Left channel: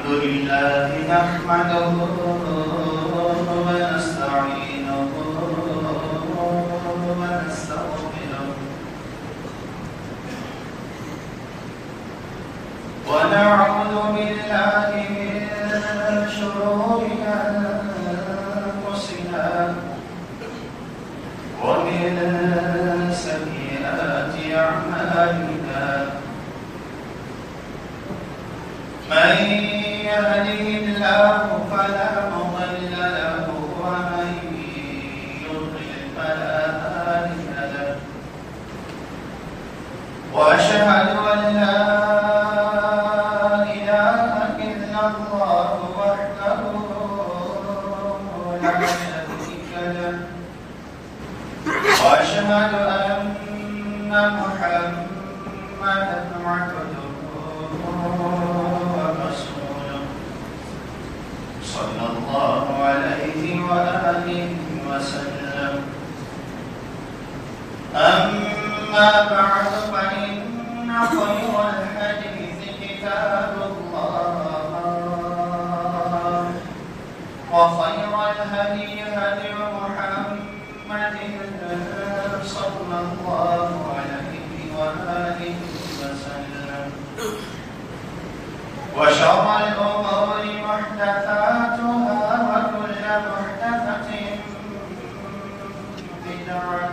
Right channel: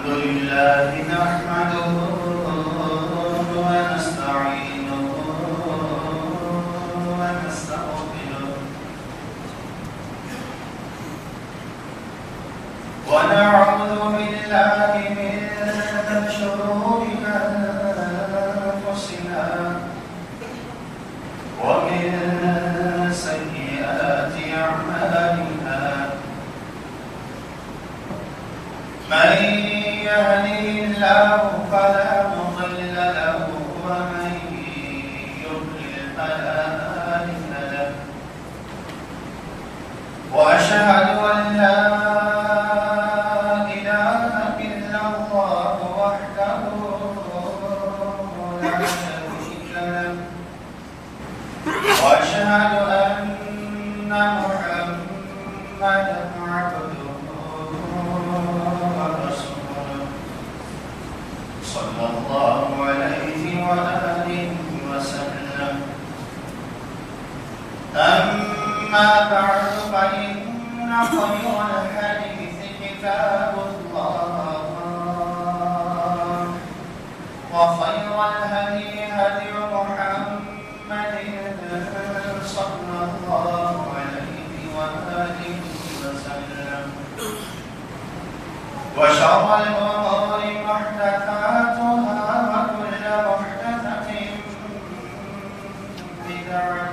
الحمد لله نحمده ونستعينه ونستغفره ونعوذ بالله من شرور أنفسنا ومن سيئات أعمالنا من يهده الله فلا مضل له ومن يضلل فلا هادي له وأشهد أن لا إله إلا الله وحده لا شريك له وأشهد أن محمدا عبده ورسوله صلى الله عليه وآله وسلم. أما بعد فإن خير الحديث كتاب الله وخير الهدي هدي محمد صلى الله عليه وآله وسلم وشر الأمور محدثاتها وكل محدثة بدعة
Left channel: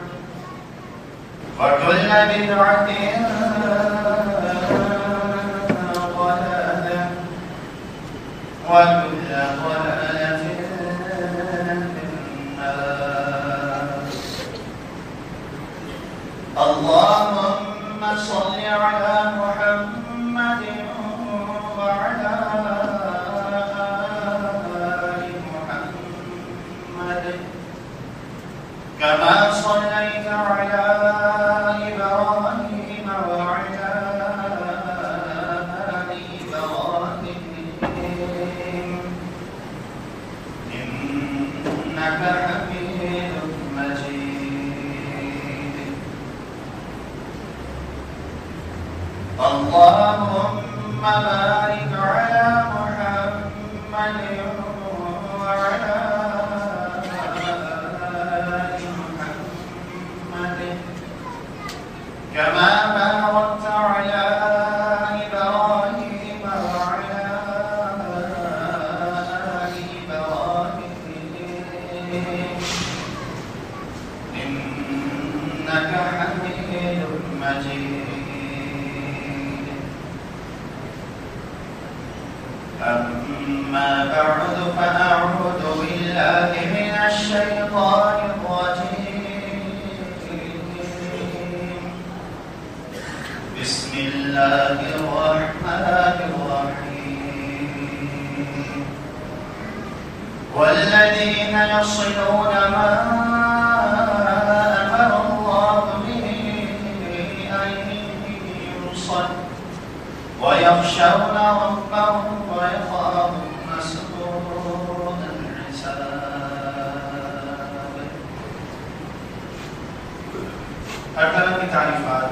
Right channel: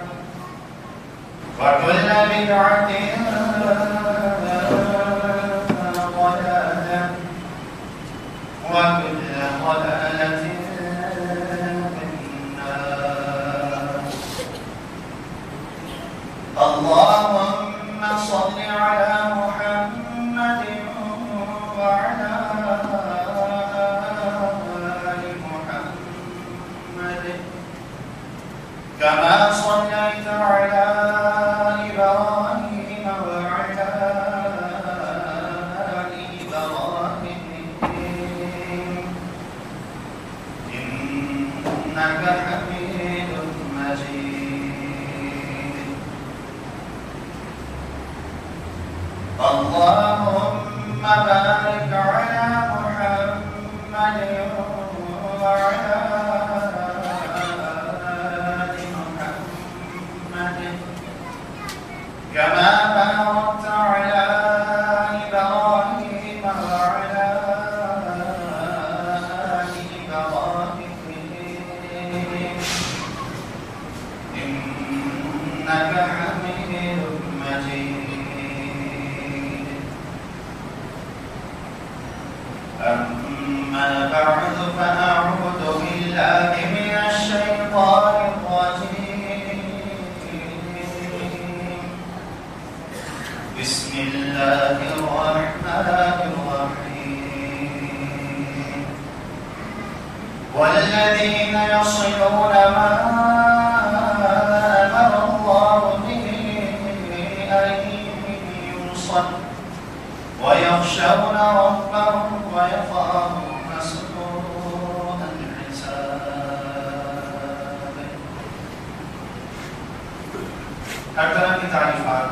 وكل بدعة ضلالة وكل ضلالة في النار. اللهم صل على محمد وعلى آل محمد كما صليت على إبراهيم وعلى آل إبراهيم إنك حميد مجيد. اللهم بارك على محمد وعلى آل محمد كما باركت على إبراهيم وعلى آل إبراهيم إنك حميد مجيد. أما بعد فأعوذ بالله من الشيطان الرجيم. بسم الله الرحمن الرحيم. والذين يصلون ما أمر الله به أن يوصل ويخشون ربهم ويخافون سوء الحساب. ہر طرح کی تعریفات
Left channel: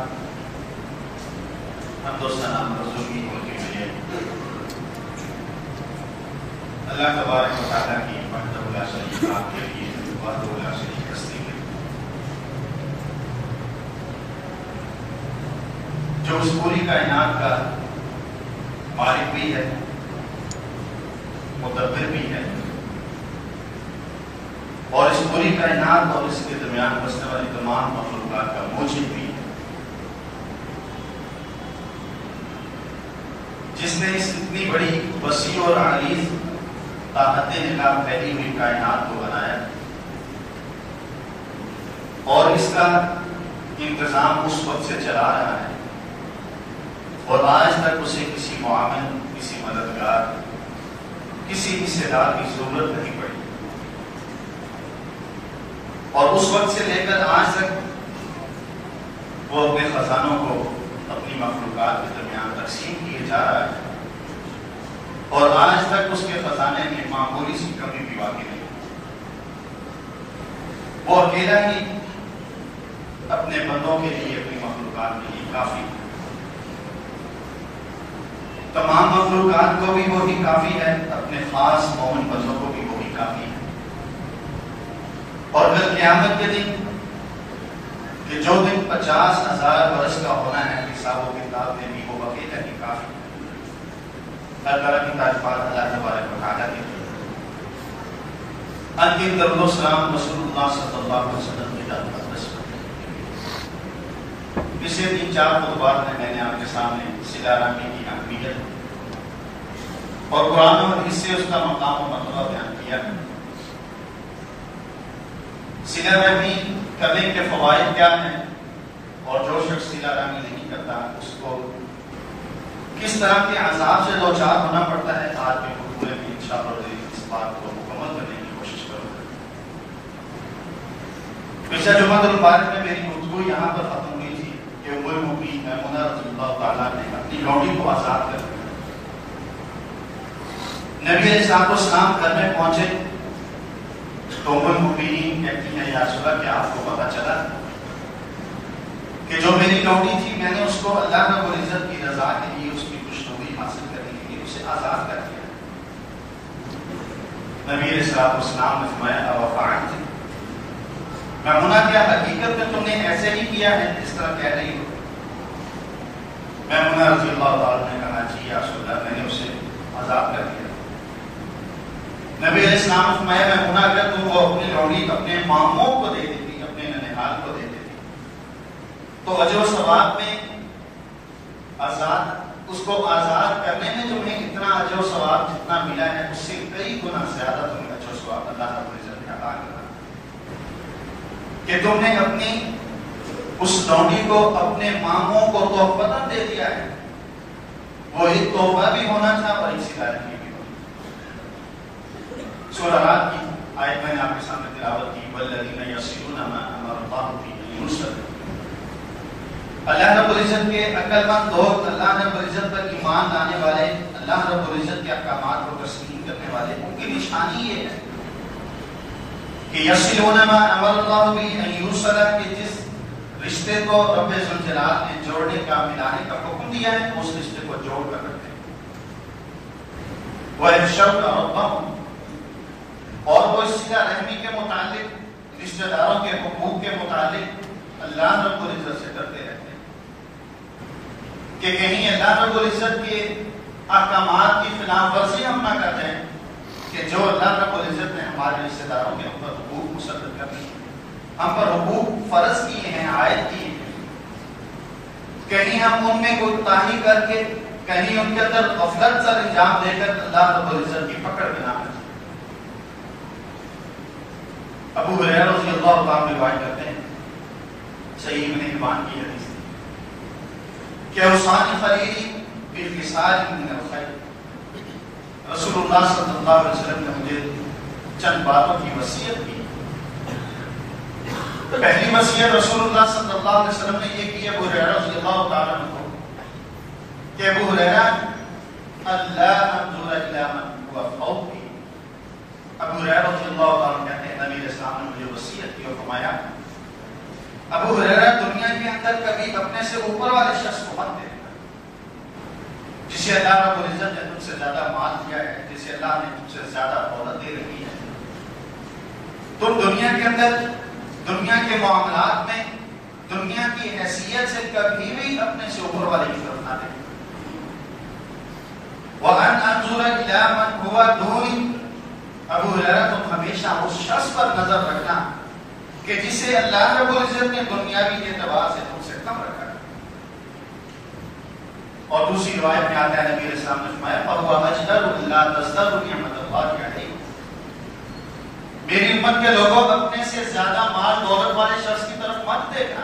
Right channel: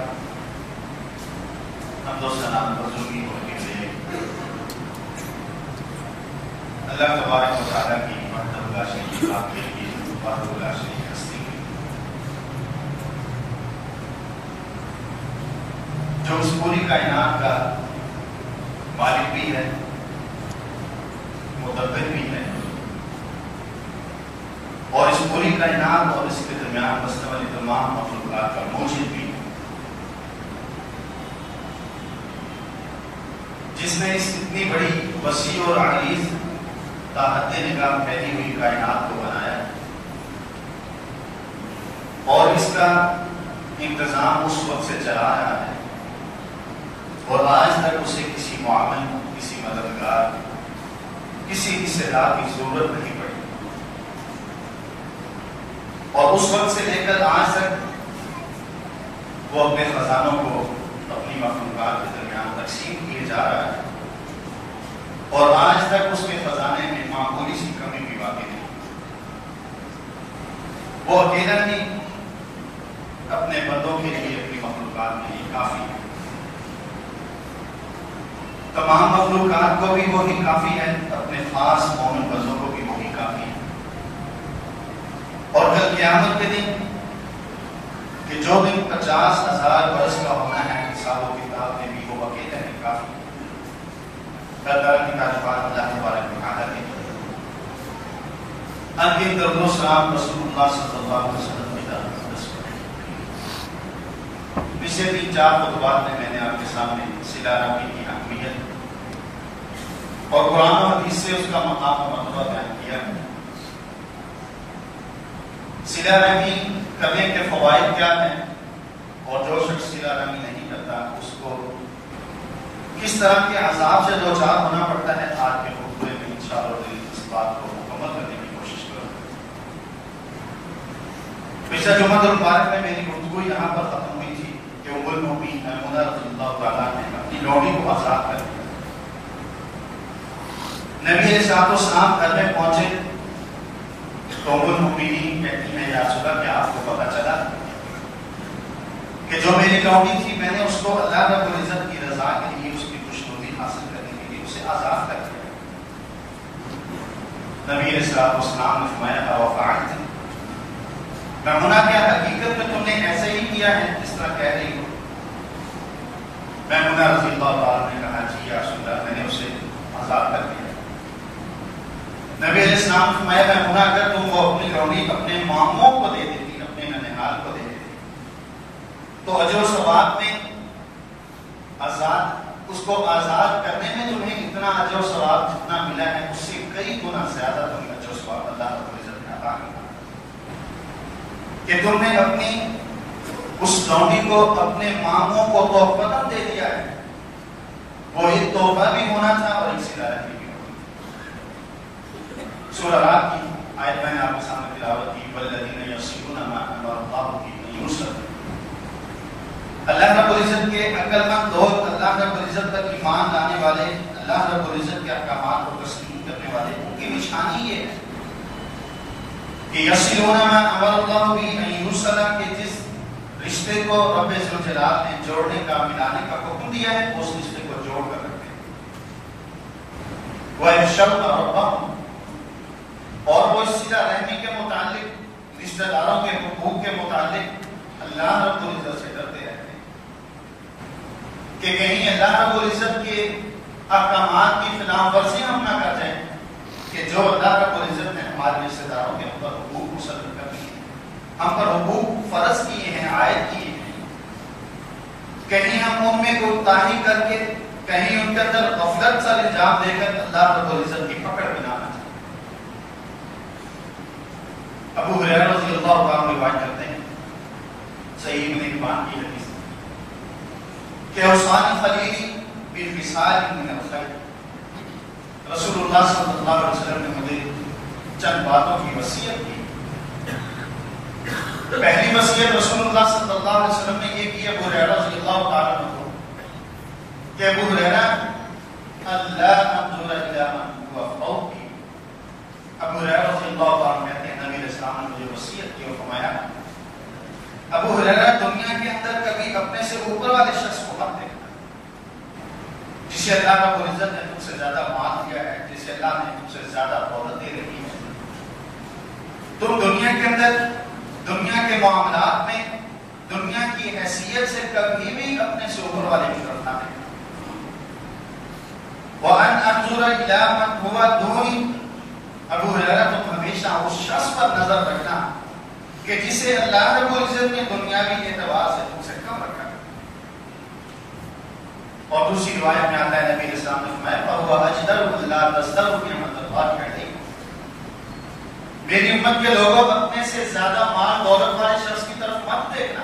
حمد و ثنا حضور کی ہو کے لیے اللہ تبارک و تعالیٰ کی وحدہ لا شریک له کی وحدہ لا شریک ہستی ہے جو اس پوری کائنات کا مالک بھی ہے، مدبر بھی ہے، اور اس پوری کائنات اور اس کے درمیان بسنے والی تمام مخلوقات کا موجد بھی ہے، جس نے اس اتنی بڑی وسیع اور عریض طاقت نگاہ پھیلی ہوئی کائنات کو بنایا اور اس کا انتظام اس وقت سے چلا رہا ہے، اور آج تک اسے کسی معاون، کسی مددگار، کسی حصے دار کی ضرورت نہیں پڑی، اور اس وقت سے لے کر آج تک وہ اپنے خزانوں کو اپنی مخلوقات کے درمیان تقسیم کیے جا رہا ہے، اور آج تک اس کے خزانے میں معمولی سی کمی بھی واقع نہیں. وہ اکیلا ہی اپنے بندوں کے لیے، اپنی مخلوقات کے لیے کافی ہے. تمام مخلوقات کو بھی وہی کافی ہے، اپنے خاص مومن بندوں کو بھی وہی کافی ہے۔ اور کل قیامت کے دن کہ جو دن 50,000 برس کا ہونا ہے، حساب و کتاب میں بھی وہ اکیلا بھی کافی ہے۔ ہر طرح کی تعریفات اللہ تبارک و تعالیٰ کی۔ انکہ درود و سلام رسول اللہ صلی اللہ علیہ وسلم کی طرف پچھلے 3-4 خطبات میں نے آپ کے سامنے صلہ رحمی کی اہمیت اور قرآن و حدیث سے اس کا مقام و مرتبہ بیان کیا۔ صلہ رحمی کرنے کے فوائد کیا ہیں اور جو شخص صلہ رحمی نہیں کرتا اس کو کس طرح کے عذاب سے دوچار ہونا پڑتا ہے، آج کے خطبے میں انشاءاللہ اس بات کو مکمل کرنے کی کوشش کروں گا۔ پچھلے جمعہ المبارک میں میری گفتگو یہاں پر ختم ہوئی تھی کہ ام المؤمنین میمونہ رضی اللہ تعالیٰ نے اپنی لوڈی کو آزاد کر دیا۔ نبی علیہ السلام گھر میں پہنچے تو ام المؤمنین کہتی ہے یا رسول اللہ کیا آپ کو پتہ چلا کہ جو میری لوڈی تھی میں نے اس کو اللہ رب العزت کی رضا کے لیے، اس کی خوشنودی حاصل کرنے کے لیے اسے آزاد کر دیا۔ نبی علیہ السلام نے فرمایا اوفعلت میمونہ کیا حقیقت میں تم نے ایسے ہی کیا ہے اس طرح کہہ رہی ہو؟ میمونہ رضی اللہ تعالیٰ نے کہا جی یا رسول اللہ میں نے اسے آزاد کر دیا۔ نبی علیہ السلام نے فرمایا میمونہ اگر تم وہ اپنی لوڈی اپنے ماموں کو دے دیتی، اپنے ننھیال کو دے دیتی تو اجر و ثواب میں اس کو آزاد کرنے میں تمہیں اتنا اجر و ثواب جتنا ملا ہے اس سے کئی گنا زیادہ تمہیں اجر و ثواب اللہ رب العزت نے عطا کیا کہ تم نے اپنی اس لوڈی کو اپنے ماموں کو تحفہ دے دیا ہے۔ وہ ایک تحفہ بھی ہونا تھا اور ایک صلہ رحمی بھی ہونا تھا۔ سورہ رات کی آیت میں نے آپ کے سامنے تلاوت کی والذین یصلون ما امر اللہ بہ یوصل۔ اللہ رب العزت کے عقل مند لوگ، اللہ رب العزت پر ایمان لانے والے، اللہ رب العزت کے احکامات کو تسلیم کرنے والے، ان کی نشانی یہ ہے کہ یصلون ما امر اللہ بہ یوصل، کہ جس رشتے کو رب ذوالجلال نے جوڑنے کا، ملانے کا حکم دیا ہے اس رشتے کو جوڑ کر رکھتے ہیں۔ وَيَخْشَوْنَ رَبَّهُمْ، اور وہ صلہ رحمی کے متعلق، رشتہ داروں کے حقوق کے متعلق اللہ رب العزت سے ڈرتے رہتے ہیں کہ کہیں اللہ رب العزت کے احکامات کی خلاف ورزی ہم نہ کر جائیں، کہ جو اللہ رب العزت نے ہمارے رشتہ داروں کے اوپر حقوق مسلط کر دیے ہیں، ہم پر حقوق فرض کیے ہیں، عائد کیے ہیں، کہیں ہم ان میں کوتاہی کر کے، کہیں ان کے اندر غفلت سر انجام دے کر اللہ رب العزت کی پکڑ میں نہ آ جائیں۔ ابو ہریرہ رضی اللہ تعالیٰ روایت کرتے ہیں صحیح ابن حبان کی حدیث کہ اوصانی خلیلی بالخصال من الخیر، رسول اللہ صلی اللہ علیہ وسلم نے مجھے چند باتوں کی وصیت کی۔ پہلی وصیت رسول اللہ صلی اللہ علیہ وسلم نے یہ کی ابو ہریرہ رضی اللہ تعالیٰ عنہ کو کہ ابو ہریرہ اللہ انظر الی من هو فوقی۔ ابو ہریرہ رضی اللہ تعالیٰ کہتے ہیں نبی علیہ السلام نے مجھے وصیت کی اور فرمایا ابو ہریرہ دنیا کے اندر کبھی اپنے سے اوپر والے شخص کو مت دیکھنا، جسے اللہ رب العزت نے تم سے زیادہ مال دیا ہے، جسے اللہ نے تم سے زیادہ دولت دے رہی ہے، تم دنیا کے اندر، دنیا کے معاملات میں، دنیا کی حیثیت سے کبھی بھی اپنے سے اوپر والے کی طرف نہ دیکھنا۔ وَأَنْ أَنظُرَ إِلَىٰ مَنْ هُوَ دُونِي، ابو ہریرہ تم ہمیشہ اس شخص پر نظر رکھنا کہ جسے اللہ رب العزت نے دنیاوی اعتبار سے تم سے کم رکھا ہے۔ اور دوسری روایت میں آتا ہے نبی علیہ السلام نے فرمایا فَهُوَ أَجْدَرُ إِلَّا تَزْدَرُ نِعْمَتَ اللَّهِ عَلَيْكُمْ۔ میری امت کے لوگوں اپنے سے زیادہ مال دولت والے شخص کی طرف مت دیکھنا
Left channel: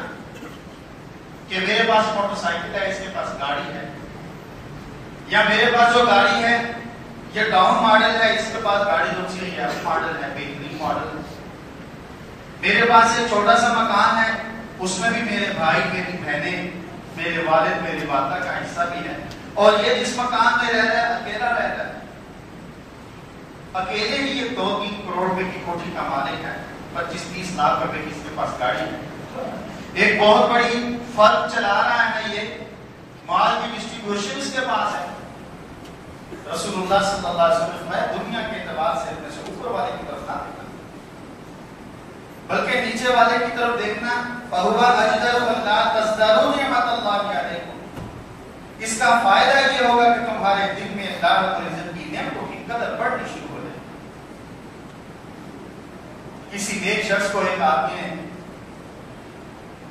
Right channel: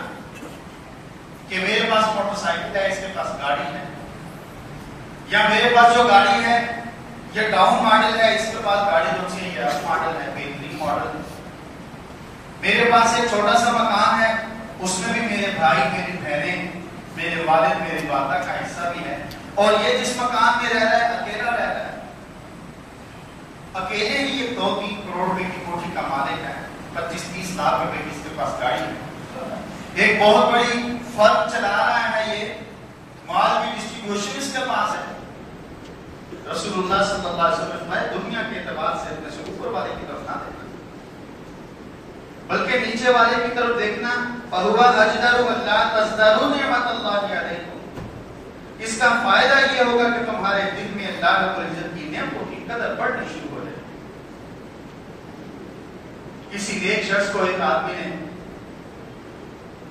کہ میرے پاس موٹر سائیکل ہے، اس کے پاس گاڑی ہے، یا میرے پاس جو گاڑی ہے یہ ڈاؤن ماڈل ہے، اس کے پاس گاڑی جو سی اپ ماڈل ہے، بہترین ماڈل۔ میرے پاس ایک چھوٹا سا مکان ہے، اس میں بھی میرے بھائی، میری بہنیں، میرے والد، میری والدہ کا حصہ بھی ہے، اور یہ جس مکان میں رہ رہا ہے اکیلا رہ رہا ہے، اکیلے ہی یہ 2-3 کروڑ روپے کی کوٹھی کا مالک ہے، 25-30 لاکھ روپے کی اس کے پاس گاڑی ہے، ایک بہت بڑی فرم چلا رہا ہے، یہ مال کی ڈسٹریبیوشن اس کے پاس ہے، رسول اللہ صلی اللہ علیہ وسلم نے فرمایا دنیا کے اعتبار سے اپنے سے اوپر والے کی طرف نہ دیکھنا بلکہ نیچے والے کی طرف دیکھنا. فَهُوَ أَجْدَرُ أَلَّا تَزْدَرُوا نِعْمَتَ اللَّهِ عَلَيْكُمْ. اس کا فائدہ یہ ہوگا کہ تمہارے دل میں اللہ رب العزت کی نعمتوں کی قدر بڑھنی شروع ہو جائے. کسی ایک شخص کو ایک آدمی نے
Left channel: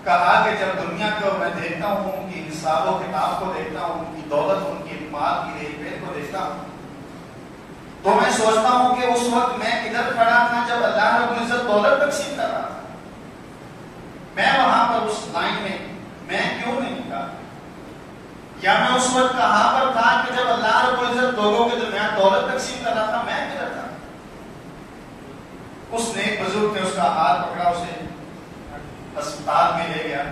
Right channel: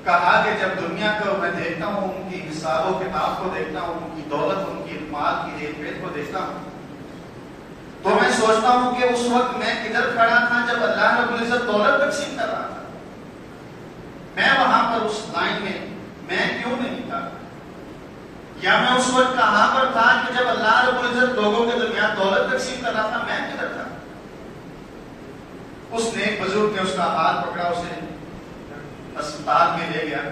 کہا کہ جب دنیا کو میں دیکھتا ہوں، ان کی حساب و کتاب کو دیکھتا ہوں، ان کی دولت، ان کی مال کی ریٹ پیٹ کو دیکھتا ہوں، تو میں سوچتا ہوں کہ اس وقت میں کدھر کھڑا تھا جب اللہ رب العزت دولت تقسیم کر رہا تھا. میں وہاں پر اس لائن میں کیوں نہیں نکلا؟ کیا میں اس وقت کہاں پر تھا کہ جب اللہ رب العزت لوگوں کے درمیان دولت تقسیم کر رہا تھا؟ میں کدھر تھا؟ اس نے ایک بزرگ نے اس کا ہاتھ پکڑا، اسے اسپتال میں لے گیا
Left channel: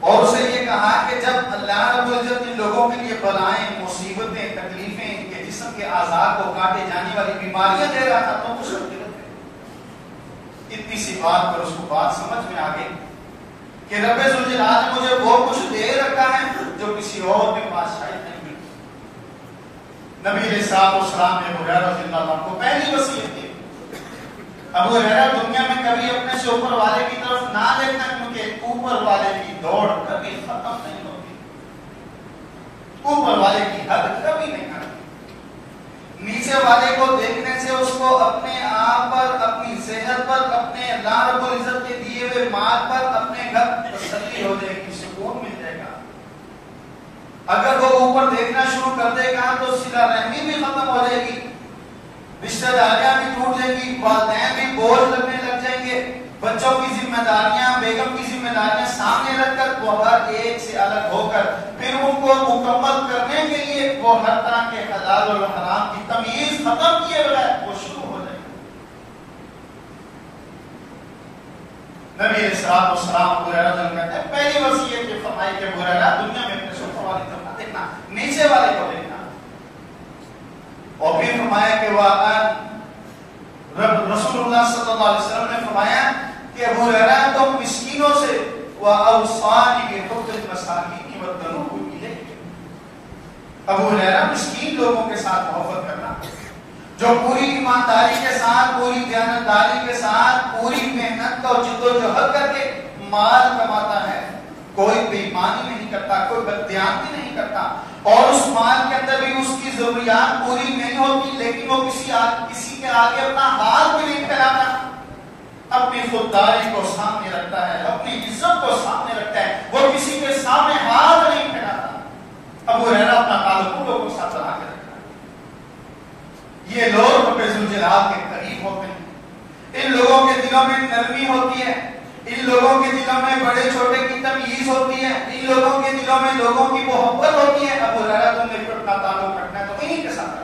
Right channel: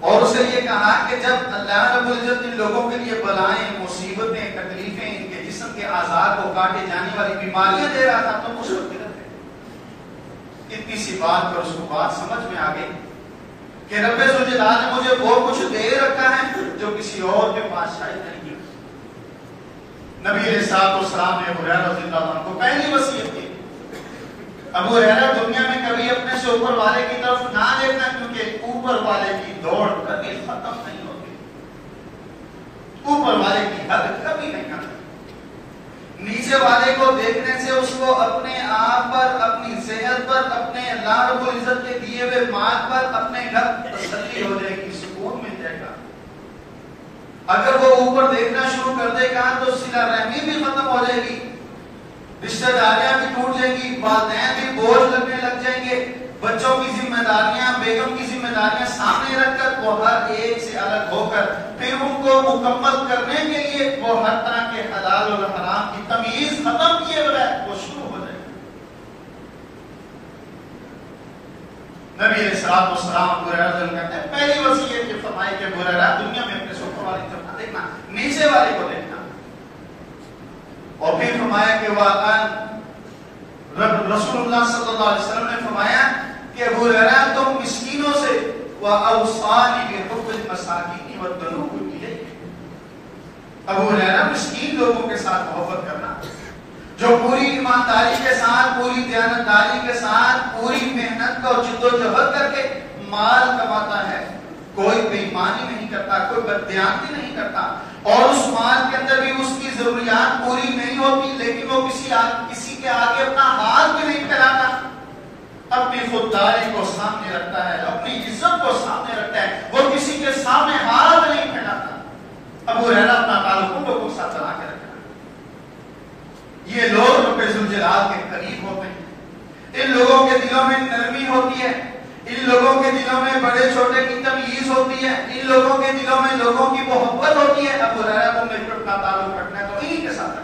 اور اسے یہ کہا کہ جب اللہ رب العزت ان لوگوں کے لیے بلائیں، مصیبتیں، تکلیفیں، ان کے جسم کے اعضاء کو کاٹے جانے والی بیماریاں دے رہا تھا تو اس وقت اتنی سی بات پر اس کو بات سمجھ میں آ گئی کہ رب ذوالجلال نے مجھے وہ کچھ دے رکھا ہے جو کسی اور کے پاس شاید نہیں ملتی. نبی علیہ الصلوۃ والسلام نے ابو ہریرہ رضی اللہ عنہ کو پہلی وصیت کی، ابو ہریرہ دنیا میں کبھی اپنے سے اوپر والے کی طرف نہ دیکھنا، کیونکہ اوپر والے کی دوڑ کبھی ختم نہیں ہوتی، اوپر والے کی حد کبھی نہیں آتی. نیچے والے کو دیکھنے سے اس کو اپنے آپ پر، اپنی صحت پر، اپنے اللہ رب العزت کے دیے ہوئے مال پر، اپنے گھر تسلی ہو جائے گی، سکون مل جائے گا. اگر وہ اوپر دیکھنا شروع کر دے گا تو صلہ رحمی بھی ختم ہو جائے گی، رشتہ داریاں بھی ٹوٹ جائیں گی، والدین بھی بوجھ لگنے لگ جائیں گے، بچوں کی ذمہ داریاں، بیگم کی ذمہ داریاں سامنے رکھ کر وہ ہر ایک سے الگ ہو کر پھر ان کو مکمل کرنے کے لیے وہ ہر طرح کے حلال اور حرام کی تمیز ختم کیے بغیر وہ شروع ہو جائے گا. نبی علیہ الصلوۃ والسلام ابو ہریرہ کہتے ہیں پہلی وصیت یہ فرمائی کہ ابو ہریرہ دنیا میں اپنے سے اوپر والی طرف نہ دیکھنا، نیچے والے کو دیکھنا. اور پھر فرمایا کہ رسول اللہ صلی اللہ علیہ وسلم نے فرمایا کہ ابو ہریرہ تم مسکینوں سے وَأَوْصَانِي بِحُبِّ الْمَسَاكِينِ وَالتَّنُوبِ إِلَيْهِ. ابو ہریرہ مسکین لوگوں کے ساتھ محبت کرنا، جو پوری ایمانداری کے ساتھ، پوری دیانتداری کے ساتھ، پوری محنت اور جد و جہد کر کے مال کماتا ہے، کوئی بے ایمانی نہیں کرتا، کوئی بددیانتی نہیں کرتا، اور اس مال کے اندر بھی اس کی ضروریات پوری نہیں ہوتی، لیکن وہ کسی کے آگے اپنا ہاتھ بھی نہیں پھیلاتا، اپنی خودداری کو سامنے رکھتا ہے، اپنی عزت کو سامنے رکھتا ہے، وہ کسی کے سامنے ہاتھ نہیں پھیلاتا. ابو ہریرہ اپنا تعلق ان لوگوں کے ساتھ بنا کے رکھتا ہے. یہ لوگ رب ذوالجلال کے قریب ہوتے ہیں، ان لوگوں کے دلوں میں نرمی ہوتی ہے، ان لوگوں کے دلوں میں بڑے چھوٹے کی تمیز ہوتی ہے، ان لوگوں کے دلوں میں لوگوں کی محبت ہوتی ہے. ابو ہریرہ تم نے اپنا تعلق رکھنا ہے تو انہی کے ساتھ رکھنا.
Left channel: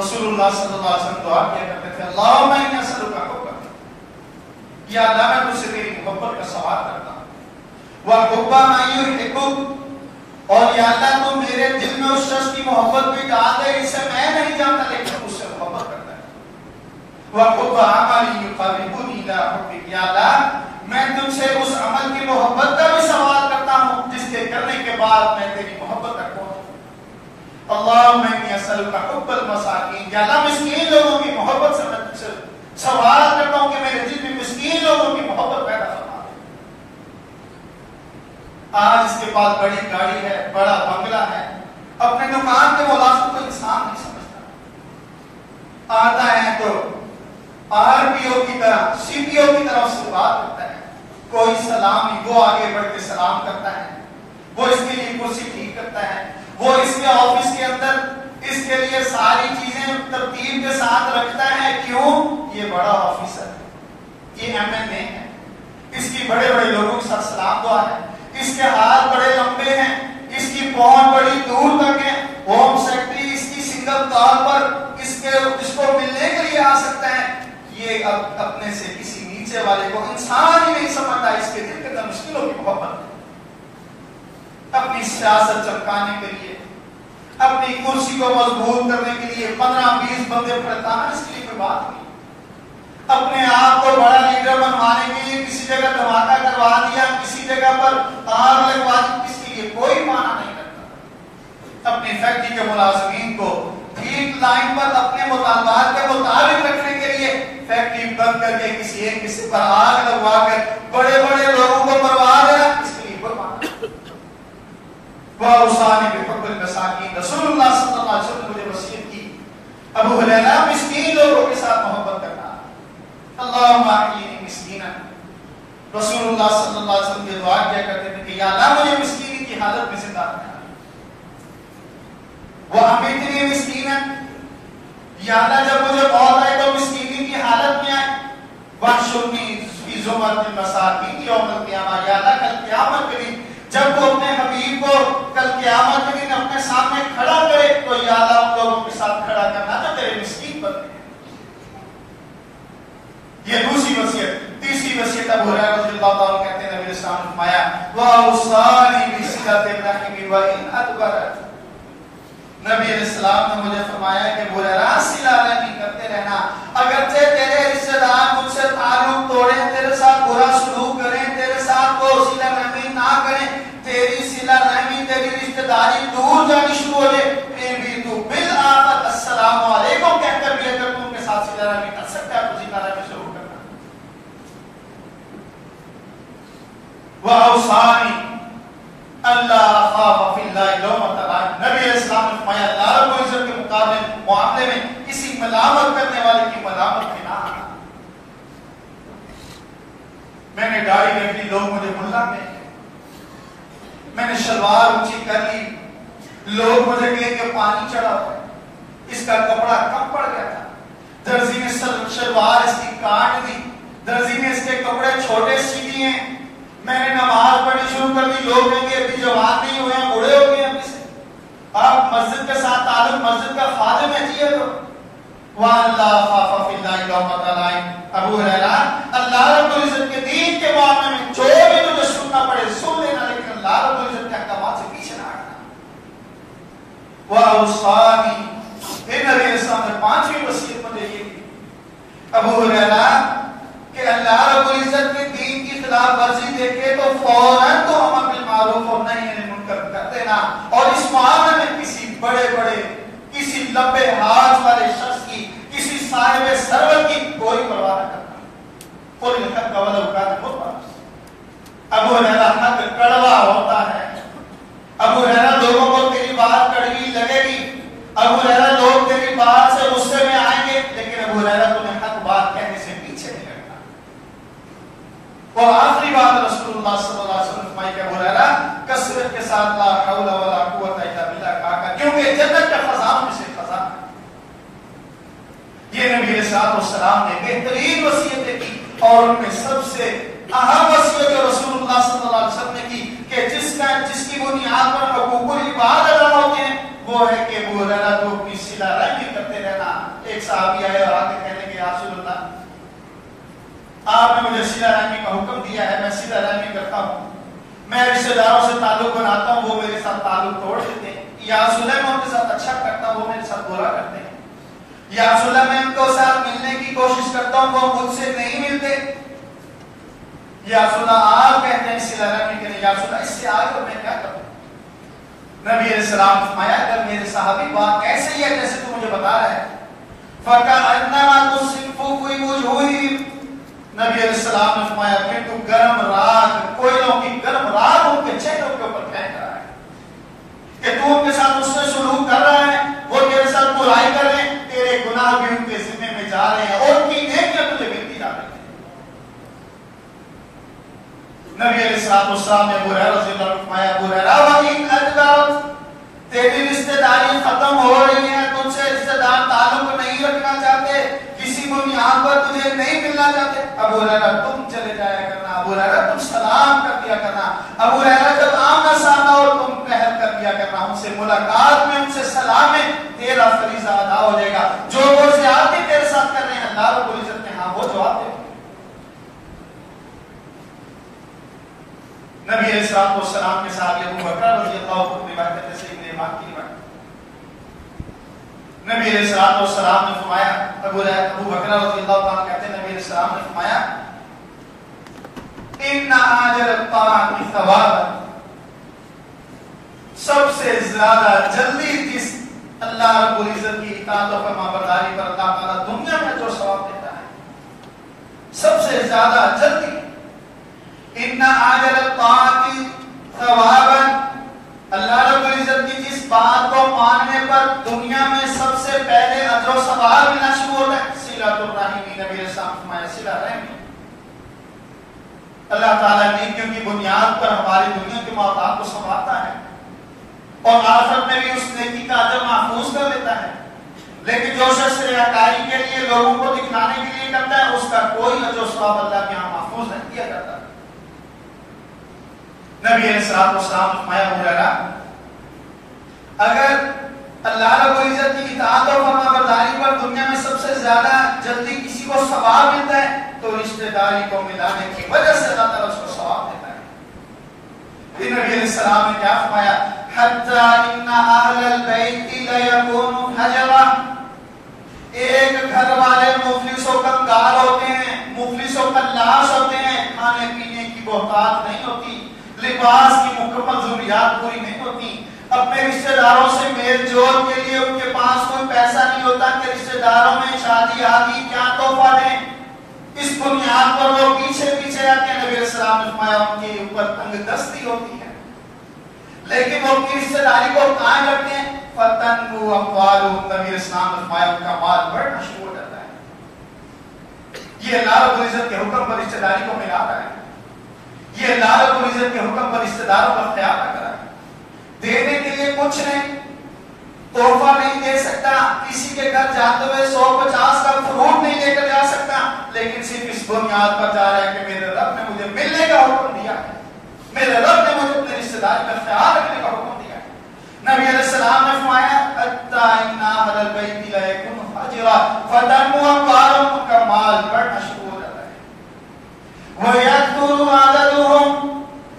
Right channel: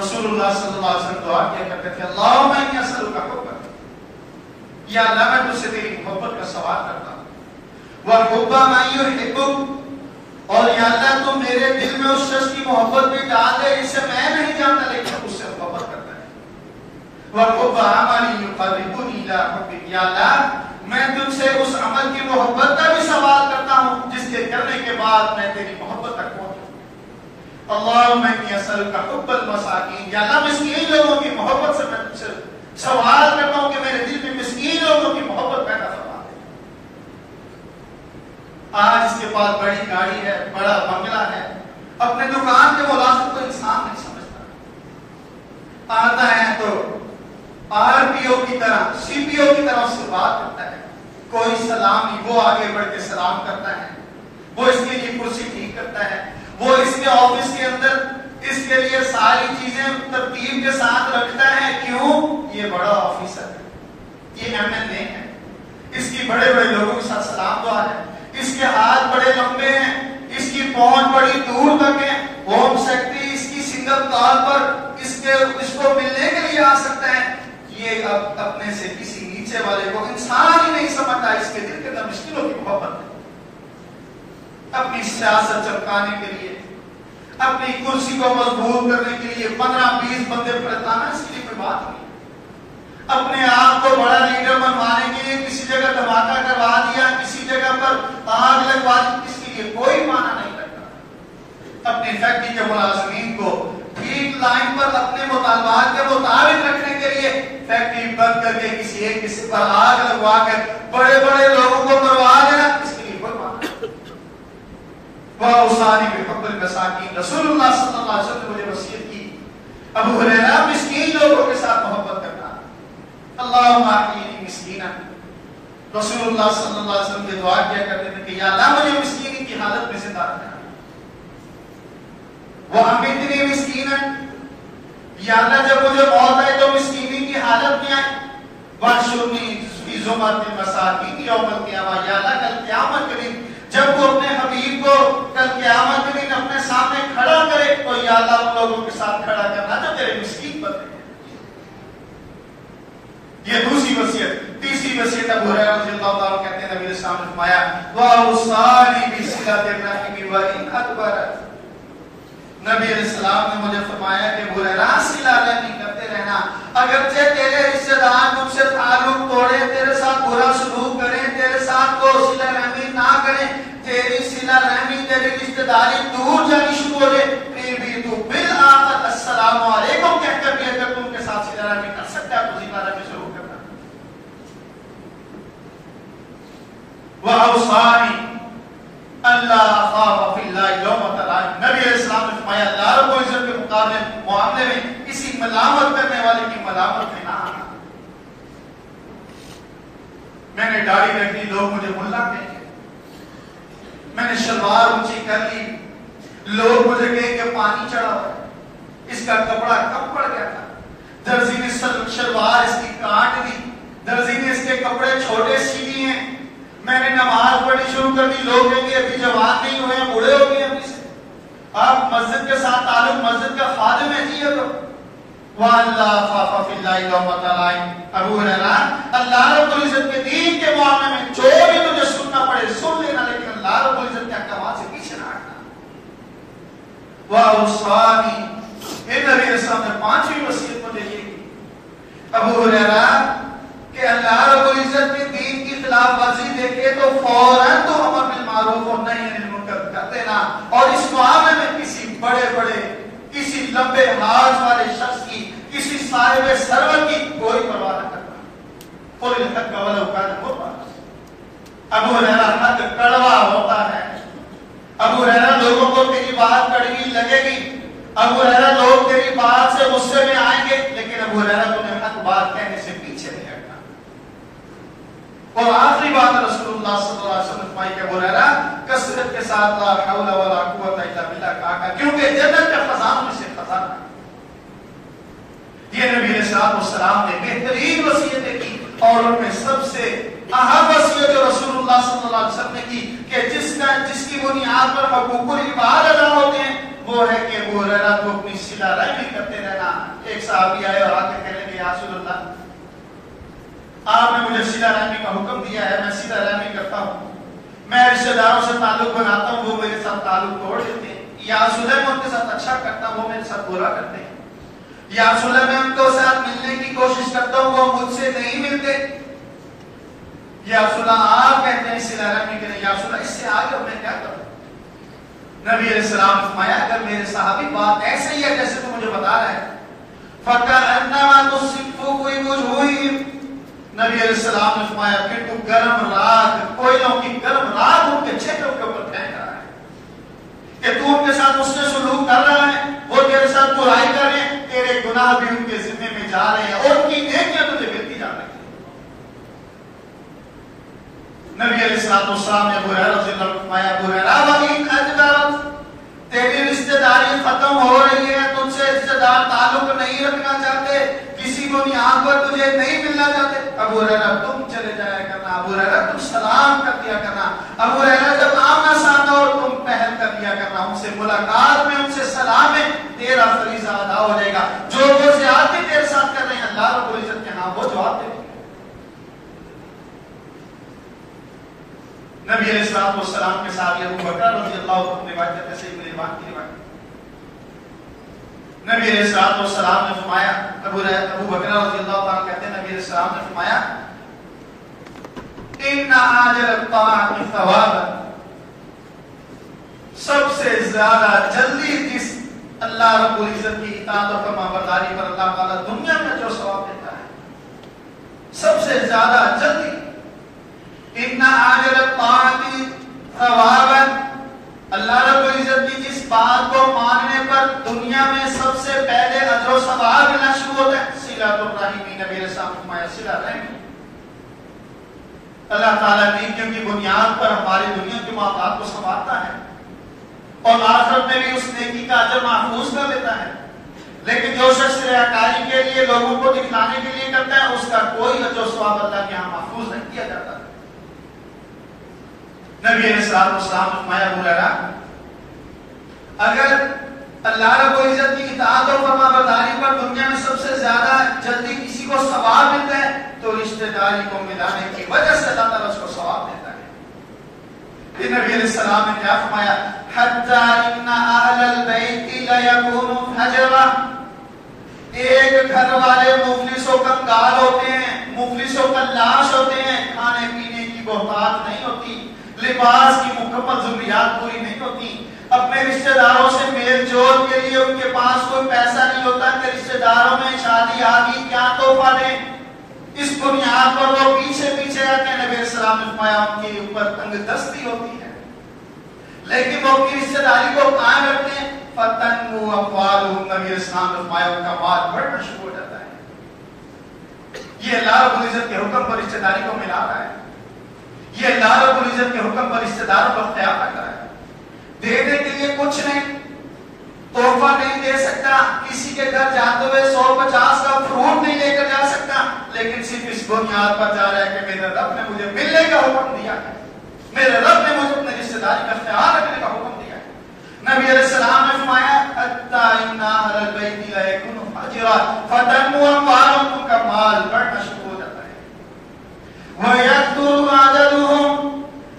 رسول اللہ صلی اللہ علیہ وسلم دعا کیا کرتے تھے اللہم انی اسألک حبک، یا اللہ میں تجھ سے تیری محبت کا سوال کرتا ہوں، وحب من یحبک، اور یا اللہ تم میرے دل میں اس شخص کی محبت بھی ڈال دے جسے میں نہیں جانتا لیکن اس سے محبت کرتا ہے، وحب عمل یقربنی الی حبک، یا اللہ میں تجھ سے اس عمل کی محبت کا بھی سوال کرتا ہوں جس کے کرنے کے بعد میں تیری محبت تک پہنچوں. اللہم انی اسألک حب المساکین، یا اللہ مسکین لوگوں کی محبت سے میں تجھ سے سوال کرتا ہوں کہ میرے دل میں مسکین لوگوں کی محبت پیدا فرما دے. آج اس کے پاس بڑی گاڑی ہے، بڑا بنگلہ ہے، اپنے دکان کے ملازم کو انسان نہیں سمجھتا، آتا ہے تو آر پی او کی طرح، سی پی او کی طرف سے بات کرتا ہے، کوئی سلام نہیں، وہ آگے بڑھ کے سلام کرتا ہے، وہ اس کے لیے کرسی ٹھیک کرتا ہے، وہ اس کے آفس کے اندر اس کے لیے ساری چیزیں ترتیب کے ساتھ رکھتا ہے. کیوں؟ یہ بڑا آفیسر ہے، یہ ایم این اے ہے، اس کی بڑے بڑے لوگوں کے ساتھ سلام دعا ہے، اس کے ہاتھ بڑے لمبے ہیں، اس کی پہنچ بڑی دور تک ہے، ہوم سیکرٹری اس کی سنگل طور پر اس کو ملنے کے لیے آ سکتا ہے. یہ اپنے سے کسی نیچے والے کو انسان ہی نہیں سمجھتا، اس کے دل کے اندر مسکینوں کی محبت ہے. اپنی سیاست چمکانے کے لیے، اپنی کرسی کو مضبوط کرنے کے لیے 15-20 بندے پھڑکانا، اس کے لیے کوئی بات نہیں. اپنے آپ کو بڑا لیڈر بنوانے کے لیے کسی جگہ دھماکہ کروا دیا، کسی جگہ پر آگ لگوا دی، اس کے لیے کوئی معنی نہیں رکھتا. اپنی فیکٹری کے ملازمین کو ٹھیک لائن پر اپنے مطالبات کے مطابق رکھنے کے لیے فیکٹری بند کر کے کسی ایک کسی پر آگ لگوا کر بڑے بڑے لوگوں کو مروا دینا، اس کے لیے کوئی معاملہ وَأَوْصَانِي بِحُبِّ الْمَسَاكِينِ رسول اللہ صلی اللہ علیہ وسلم نے مجھے وصیت کی ابو ہریرہ مسکین لوگوں کے ساتھ محبت کرنا. اللہم احیینی مسکینا، رسول اللہ صلی اللہ علیہ وسلم یہ دعا کیا کرتے تھے کہ یا اللہ مجھے مسکینی کی حالت میں زندہ رکھنا. وَأَمِتْنِي مِسْكِينًا، یا اللہ جب مجھے موت آئے تو مسکینی کی حالت میں آئے. وَاحْشُرْنِي فِي زُمرةِ الْمَسَاكِينِ یوم القیامہ، یا اللہ کل قیامت کے دن جب وہ اپنے حبیب کو کل قیامت کے دن اپنے سامنے کھڑا کرے تو یا اللہ ان لوگوں کے ساتھ کھڑا کرنا جو تیرے مسکین بندے ہیں. یہ دوسری وصیت. تیسری وصیت ابو ہریرہ رضی اللہ تعالیٰ کہتے ہیں نبی اسلام نے فرمایا وَأَوْصَانِي بِصِلَةِ الرَّحِمِ وَإِنْ أَدْبَرَتْ، نبی علیہ السلام نے مجھے فرمایا کہ ابو ہریرہ صلہ رحمی کرتے رہنا، اگرچہ تیرے رشتہ دار مجھ سے تعلق توڑیں، تیرے ساتھ برا سلوک کریں، تیرے ساتھ وہ صلہ رحمی نہ کریں، تیری صلہ رحمی تیری رشتہ داری دور جانی شروع ہو جائے، پھر بھی تو بالآخر السلام علیکم کہہ کر بھی اگر تم کے ساتھ صلہ رحمی کر سکتا ہے تو صلہ رحمی شروع کرنا. وَأَوْصَانِي اللہ خاف فی اللہ لومۃ لائم، نبی علیہ السلام نے فرمایا اللہ رب العزت کے مقابلے معاملے میں کسی ملامت کرنے والے کی ملامت میں نہ آنا. میں نے داڑھی رکھ لی، لوگ مجھے ملا کہیں گے. میں نے شلوار اونچی کر لی، لوگ مجھے کہیں کہ پانی چڑھا ہوا ہے، اس کا کپڑا کم پڑ گیا تھا، درزی نے شلوار اس کی کاٹ دی، درزی نے اس کے کپڑے چھوٹے سی دیے ہیں. میں نے نماز پڑھنی شروع کر دی، لوگ کہیں گے ابھی جوان نہیں ہوئے ہیں، بوڑھے ہو گئے ہیں ابھی سے. آپ مسجد کے ساتھ تعلق، مسجد کا خادم ہے جی. تو وَأَلَّا خَافَ فِي اللَّهِ لَوْمَةَ لَائِمٍ، ابو ہریرہ اللہ رب العزت کے دین کے معاملے میں جو بھی تجھے سننا پڑے سن لینا، لیکن اللہ رب العزت کے احکامات سے پیچھے نہ ہٹنا. وَأَوْصَانِي، پھر نبی علیہ السلام نے پانچویں وصیت مجھے یہ کی ابو ہریرہ کہ اللہ رب العزت کے دین کی خلاف ورزی دیکھے تو فوراً تو امر بالمعروف اور نہی عن المنکر کر دینا، اور اس معاملے میں کسی بڑے کسی لمبے ہاتھ والے شخص کی، کسی صاحب ثروت کی کوئی پرواہ نہ کرنا. قُلِ الْحَقَّ وَلَوْ كَانَ مُرًّا، ابو ہریرہ حق کڑوا ہوتا ہے. ابو ہریرہ لوگوں کو تیری بات کڑوی لگے گی، ابو ہریرہ لوگ تیری بات سے غصے میں آئیں گے، لیکن ابو ہریرہ تمہیں حق بات کہنے سے پیچھے نہیں ہٹنا. اور آخری بات رسول اللہ صلی اللہ علیہ وسلم فرمائی کہ ابو ہریرہ کثرت کے ساتھ لا حول ولا قوت الا باللہ کہا، کیونکہ جنت کا خزانہ میں سے خزانہ ہے. یہ نبی علیہ السلام نے بہترین وصیتیں کی، اور ان میں سب سے اہم وصیت جو رسول اللہ صلی اللہ علیہ وسلم نے کی کہ جس کی بنیاد پر حقوق العباد ادا ہوتے ہیں وہ ہے کہ ابو ہریرہ کو اپنی صلہ رحمی کرتے رہنا. ایک صحابی آئے اور آ کے کہنے کہ یا رسول اللہ آپ نے مجھے صلہ رحمی کا حکم دیا ہے، میں صلہ رحمی کرتا ہوں، میں رشتہ داروں سے تعلق بناتا ہوں، وہ میرے ساتھ تعلق توڑ دیتے ہیں. یا رسول اللہ میں ان کے ساتھ اچھا کرتا ہوں، وہ میرے ساتھ برا کرتے ہیں. یا رسول اللہ میں ان کو ساتھ ملنے کی کوشش کرتا ہوں، وہ مجھ سے نہیں ملتے. یا رسول اللہ آپ کہتے ہیں صلہ رحمی کریں، یا رسول اللہ اس سے آگے میں کیا کروں. نبی علیہ السلام نے فرمایا اگر میرے صحابی بات ایسے ہی ہے جیسے تو مجھے بتا رہا ہے، فَكَأَنَّمَا تُصِفُّ فِي وُجُوهِهِمْ، نبی علیہ السلام نے فرمایا پھر تو گرم راگ، کوئلوں کی گرم راگ ان کے چہروں کے اوپر پھینک رہا ہے کہ تو ان کے ساتھ اس میں سلوک کر رہا ہے، وہ تیرے ساتھ برائی کر رہے ہیں، تیرے گناہ بھی ان کے ذمے میں جا رہے ہیں اور ان کی نیکیاں تجھے ملتی جا رہی ہیں. نبی علیہ السلام نے ابو ہریرہ رضی اللہ عنہ فرمایا ابو ہریرہ وَإِنْ أَدْبَرَتْ، تیری رشتہ داری ختم ہو رہی ہے، تم سے رشتہ دار تعلق نہیں رکھنا چاہتے، کسی بنیاد پر تجھے نہیں ملنا چاہتے، ابو ہریرہ تم چلے جایا کرنا، ابو ہریرہ تم سلام کر دیا کرنا، ابو ہریرہ جب آمنا سامنا اور تم پہل کر دیا کرنا، ان سے ملاقات میں ان سے سلام میں تیرا فریضہ ادا ہو جائے گا. جو وہ زیادتی تیرے ساتھ کر رہے ہیں اللہ رب العزت کے ہاں وہ جواب دے. نبی علیہ السلام کے ساتھ ابو بکر رضی اللہ عنہ روایت کرتے سے ابن امام کی روایت. نبی علیہ السلام نے فرمایا ابو بکر رضی اللہ عنہ کہتے ہیں نبی علیہ السلام نے فرمایا ان عاجل الطاعۃ ثوابا، سب سے زیادہ جلدی جس اللہ رب العزت کی اطاعت و فرمانبرداری پر اللہ تعالیٰ دنیا میں جو ثواب دیتا ہے، سب سے زیادہ جلدی ان عاجل الطاعت ثوابا، اللہ رب العزت کی جس بات کو ماننے پر دنیا میں سب سے پہلے اجر و ثواب ملنا شروع ہوتا ہے، صلۃ الرحم، نبی علیہ السلام فرمایا صلہ رحم۔ اللہ تعالیٰ نیکیوں کی بنیاد پر ہماری دنیا کے معاملات کو سنوارتا ہے اور آخرت میں بھی اس نیکی کا اجر محفوظ کر لیتا ہے، لیکن جو شخص ریاکاری کے لیے لوگوں کو دکھلانے کے لیے کرتا ہے، اس کا کوئی اجر و ثواب اللہ کے یہاں محفوظ نہیں کیا جاتا۔ نبی علیہ السلام نے فرمایا ہریرہ، اگر اللہ رب العزت کی اطاعت اور فرمانبرداری پر دنیا میں سب سے زیادہ جلدی کسی کو ثواب ملتا ہے تو رشتہ داری کو ملانے کی وجہ سے اللہ تعالیٰ اس کو ثواب دیتا ہے۔ نبی علیہ السلام نے کیا فرمایا؟ حتی ان اہل البیت لیکون حجرا، ایک گھر والے مفلس و کنگال ہوتے ہیں، مفلس و کلاش ہوتے ہیں، کھانے پینے کی بہتات نہیں ہوتی، لباس کی مکمل ضروریات پوری نہیں ہوتی، اپنے رشتہ داروں سے میل جول کے لیے ان کے پاس کوئی پیسہ نہیں ہوتا کہ رشتہ داروں میں شادی آگی کیا تحفہ دیں، اس بنیاد پر وہ پیچھے پیچھے آتے ہیں۔ نبی علیہ السلام نے فرمایا ان کے اوپر تنگ دستی ہوتی ہے، لیکن وہ اپنی رشتہ داری کو قائم رکھتے ہیں، فتنمو اموالہم، نبی علیہ السلام نے فرمایا ان کا مال بڑھنا شروع ہو جاتا ہے۔ یہ اللہ رب العزت کے حکم پر رشتہ داری کو ملا رہا ہے، یہ اللہ رب العزت کے حکم پر رشتہ داروں کا خیال رکھ رہا ہے۔ دینے کے لیے کچھ نہیں، تحفہ نہیں دے سکتا، کسی کے گھر جاتے ہوئے 150 کا فروٹ نہیں لے کر جا سکتا، لیکن صرف اس بنیاد پر جا رہا ہے کہ میرے رب نے مجھے ملنے کا حکم دیا ہے، میرے رب نے مجھے اپنے رشتہ داری کا خیال رکھنے کا حکم دیا ہے۔ نبی علیہ السلام نے فرمایا حتی ان اہل البیت لیکون حجرا فتنمو اموالہم، ان کا مال بڑھنا شروع ہو جاتا ہے۔ وَيَكْثُرُ عَدَدُهُمْ،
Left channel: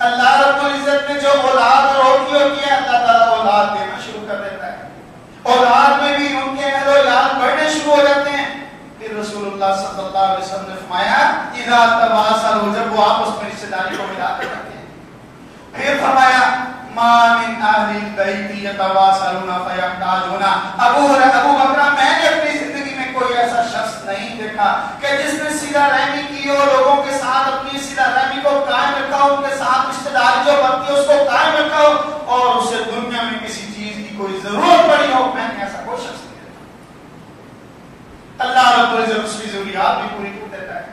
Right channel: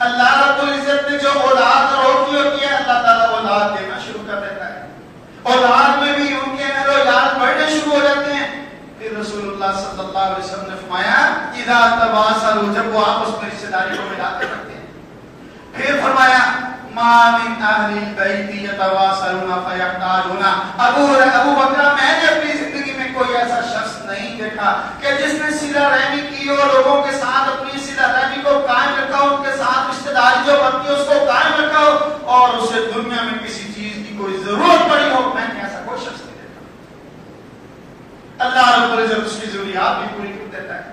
اللہ رب العزت نے جو اولاد روکی ہوتی ہے اللہ تعالیٰ اولاد دینا شروع کر دیتا ہے، اولاد میں بھی ان کے اہل و عیال بڑھنے شروع ہو جاتے ہیں۔ پھر رسول اللہ صلی اللہ علیہ وسلم نے فرمایا اذا تواصلوا، جب وہ آپس میں رشتہ داری کو ملاتے رہتے ہیں۔ پھر فرمایا ما من اہل البیت یتواصلون فیحتاجون، ابو بکر میں نے اپنی زندگی میں کوئی ایسا شخص نہیں دیکھا کہ جس نے صلہ رحمی کی اور لوگوں کے ساتھ اپنی صلہ رحمی کو قائم رکھا، ان کے ساتھ رشتہ داری جو بنتی ہے اس کو قائم رکھا اور اسے دنیا میں کسی چیز کی کوئی ضرورت پڑی ہو، میں نے ایسا کوئی شخص نہیں دیکھا۔ اللہ رب العزت اس کی ضروریات بھی پوری کر دیتا ہے،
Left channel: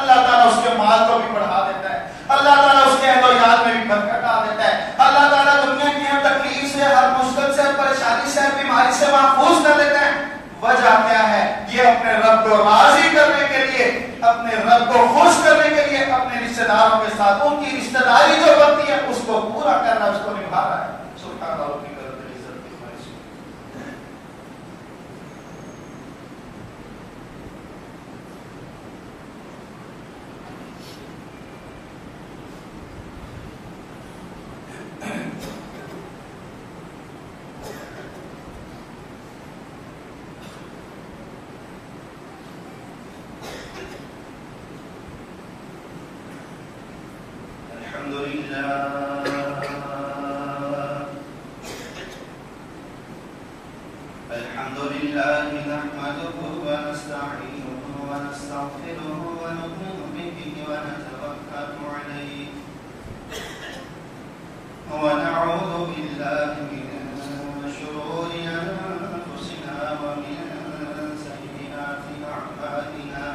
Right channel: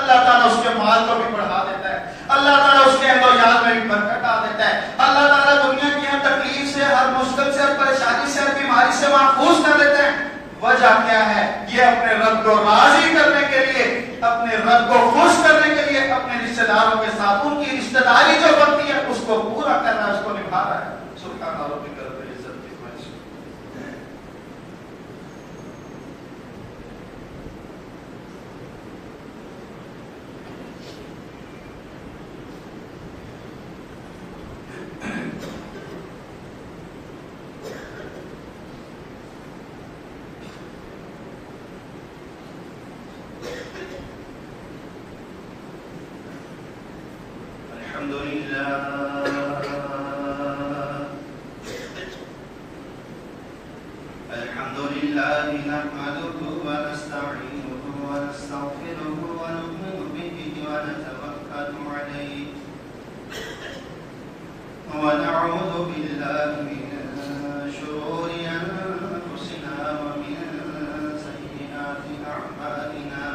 اللہ تعالیٰ اس کے مال کو بھی بڑھا دیتا ہے، اللہ تعالیٰ اس کے اہل و عیال میں بھی برکت آ دیتا ہے، اللہ تعالیٰ دنیا کی ہر تکلیف سے، ہر مشکل سے، ہر پریشانی سے، ہر بیماری سے محفوظ کر دیتا ہے۔ وجہ کیا ہے؟ یہ اپنے رب کو راضی کرنے کے لیے، اپنے رب کو خوش کرنے کے لیے اپنے رشتہ داروں کے ساتھ ان کی رشتہ داری جو بنتی ہے اس کو پورا کرنا، اس کو نبھا رہا ہے۔ سبحان اللہ کی قدر عزت کی خواہش۔ الحمد لله نحمده ونستعينه ونستغفره ونؤمن به ونتوكل عليه ونعوذ بالله من شرور أنفسنا ومن سيئات أعمالنا،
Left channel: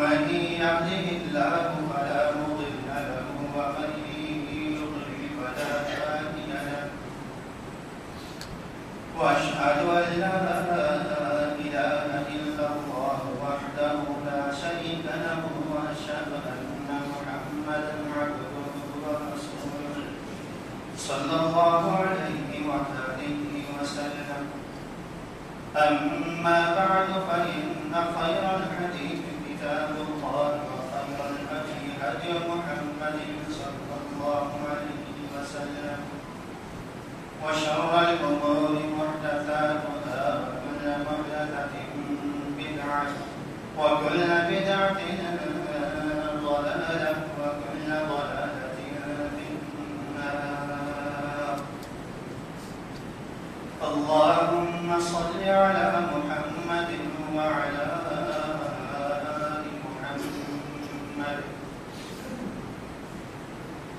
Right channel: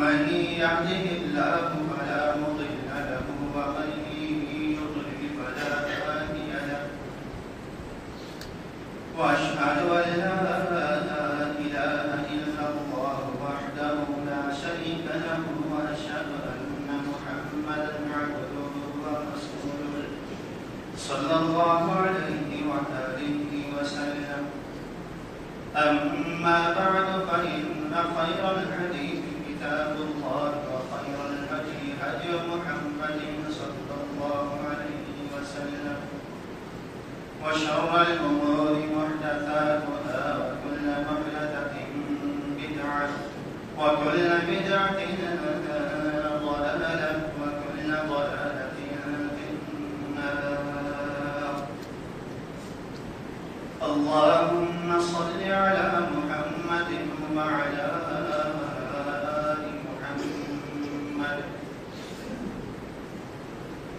من يهده الله فلا مضل له ومن يضلل فلا هادي له، وأشهد أن لا إله إلا الله وحده لا شريك له، وأشهد أن محمدا عبده ورسوله صلى الله عليه وآله وسلم۔ أما بعد فإن خير الحديث كتاب الله، وخير الهدي هدي محمد صلى الله عليه وسلم، وشر الأمور محدثاتها، وكل محدثة بدعة، وكل بدعة ضلالة، وكل ضلالة في النار۔ اللهم صل على محمد وعلى آل محمد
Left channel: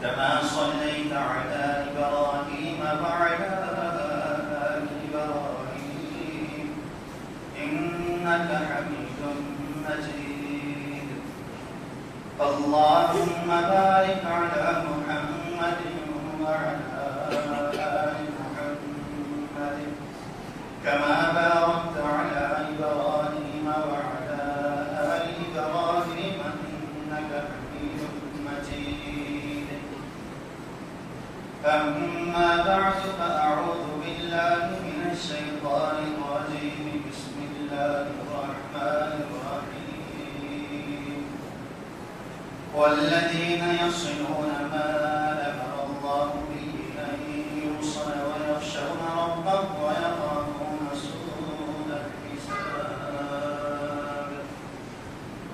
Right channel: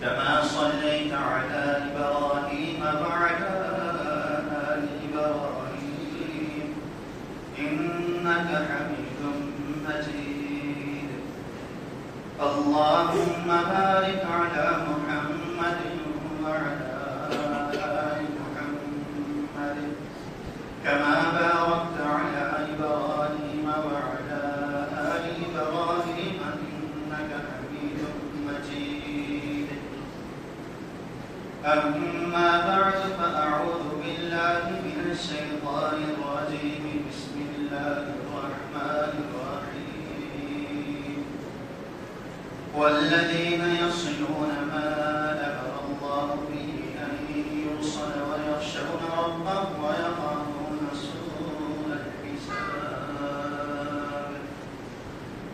كما صليت على إبراهيم وعلى آل إبراهيم إنك حميد مجيد اللهم بارك على محمد وعلى آل محمد كما باركت على إبراهيم وعلى آل إبراهيم إنك حميد مجيد أما بعد فأعوذ بالله من الشيطان الرجيم بسم الله الرحمن الرحيم والذين يصلون ما أمر الله به أن يوصل ويخشون ربهم ويخافون سوء الحساب.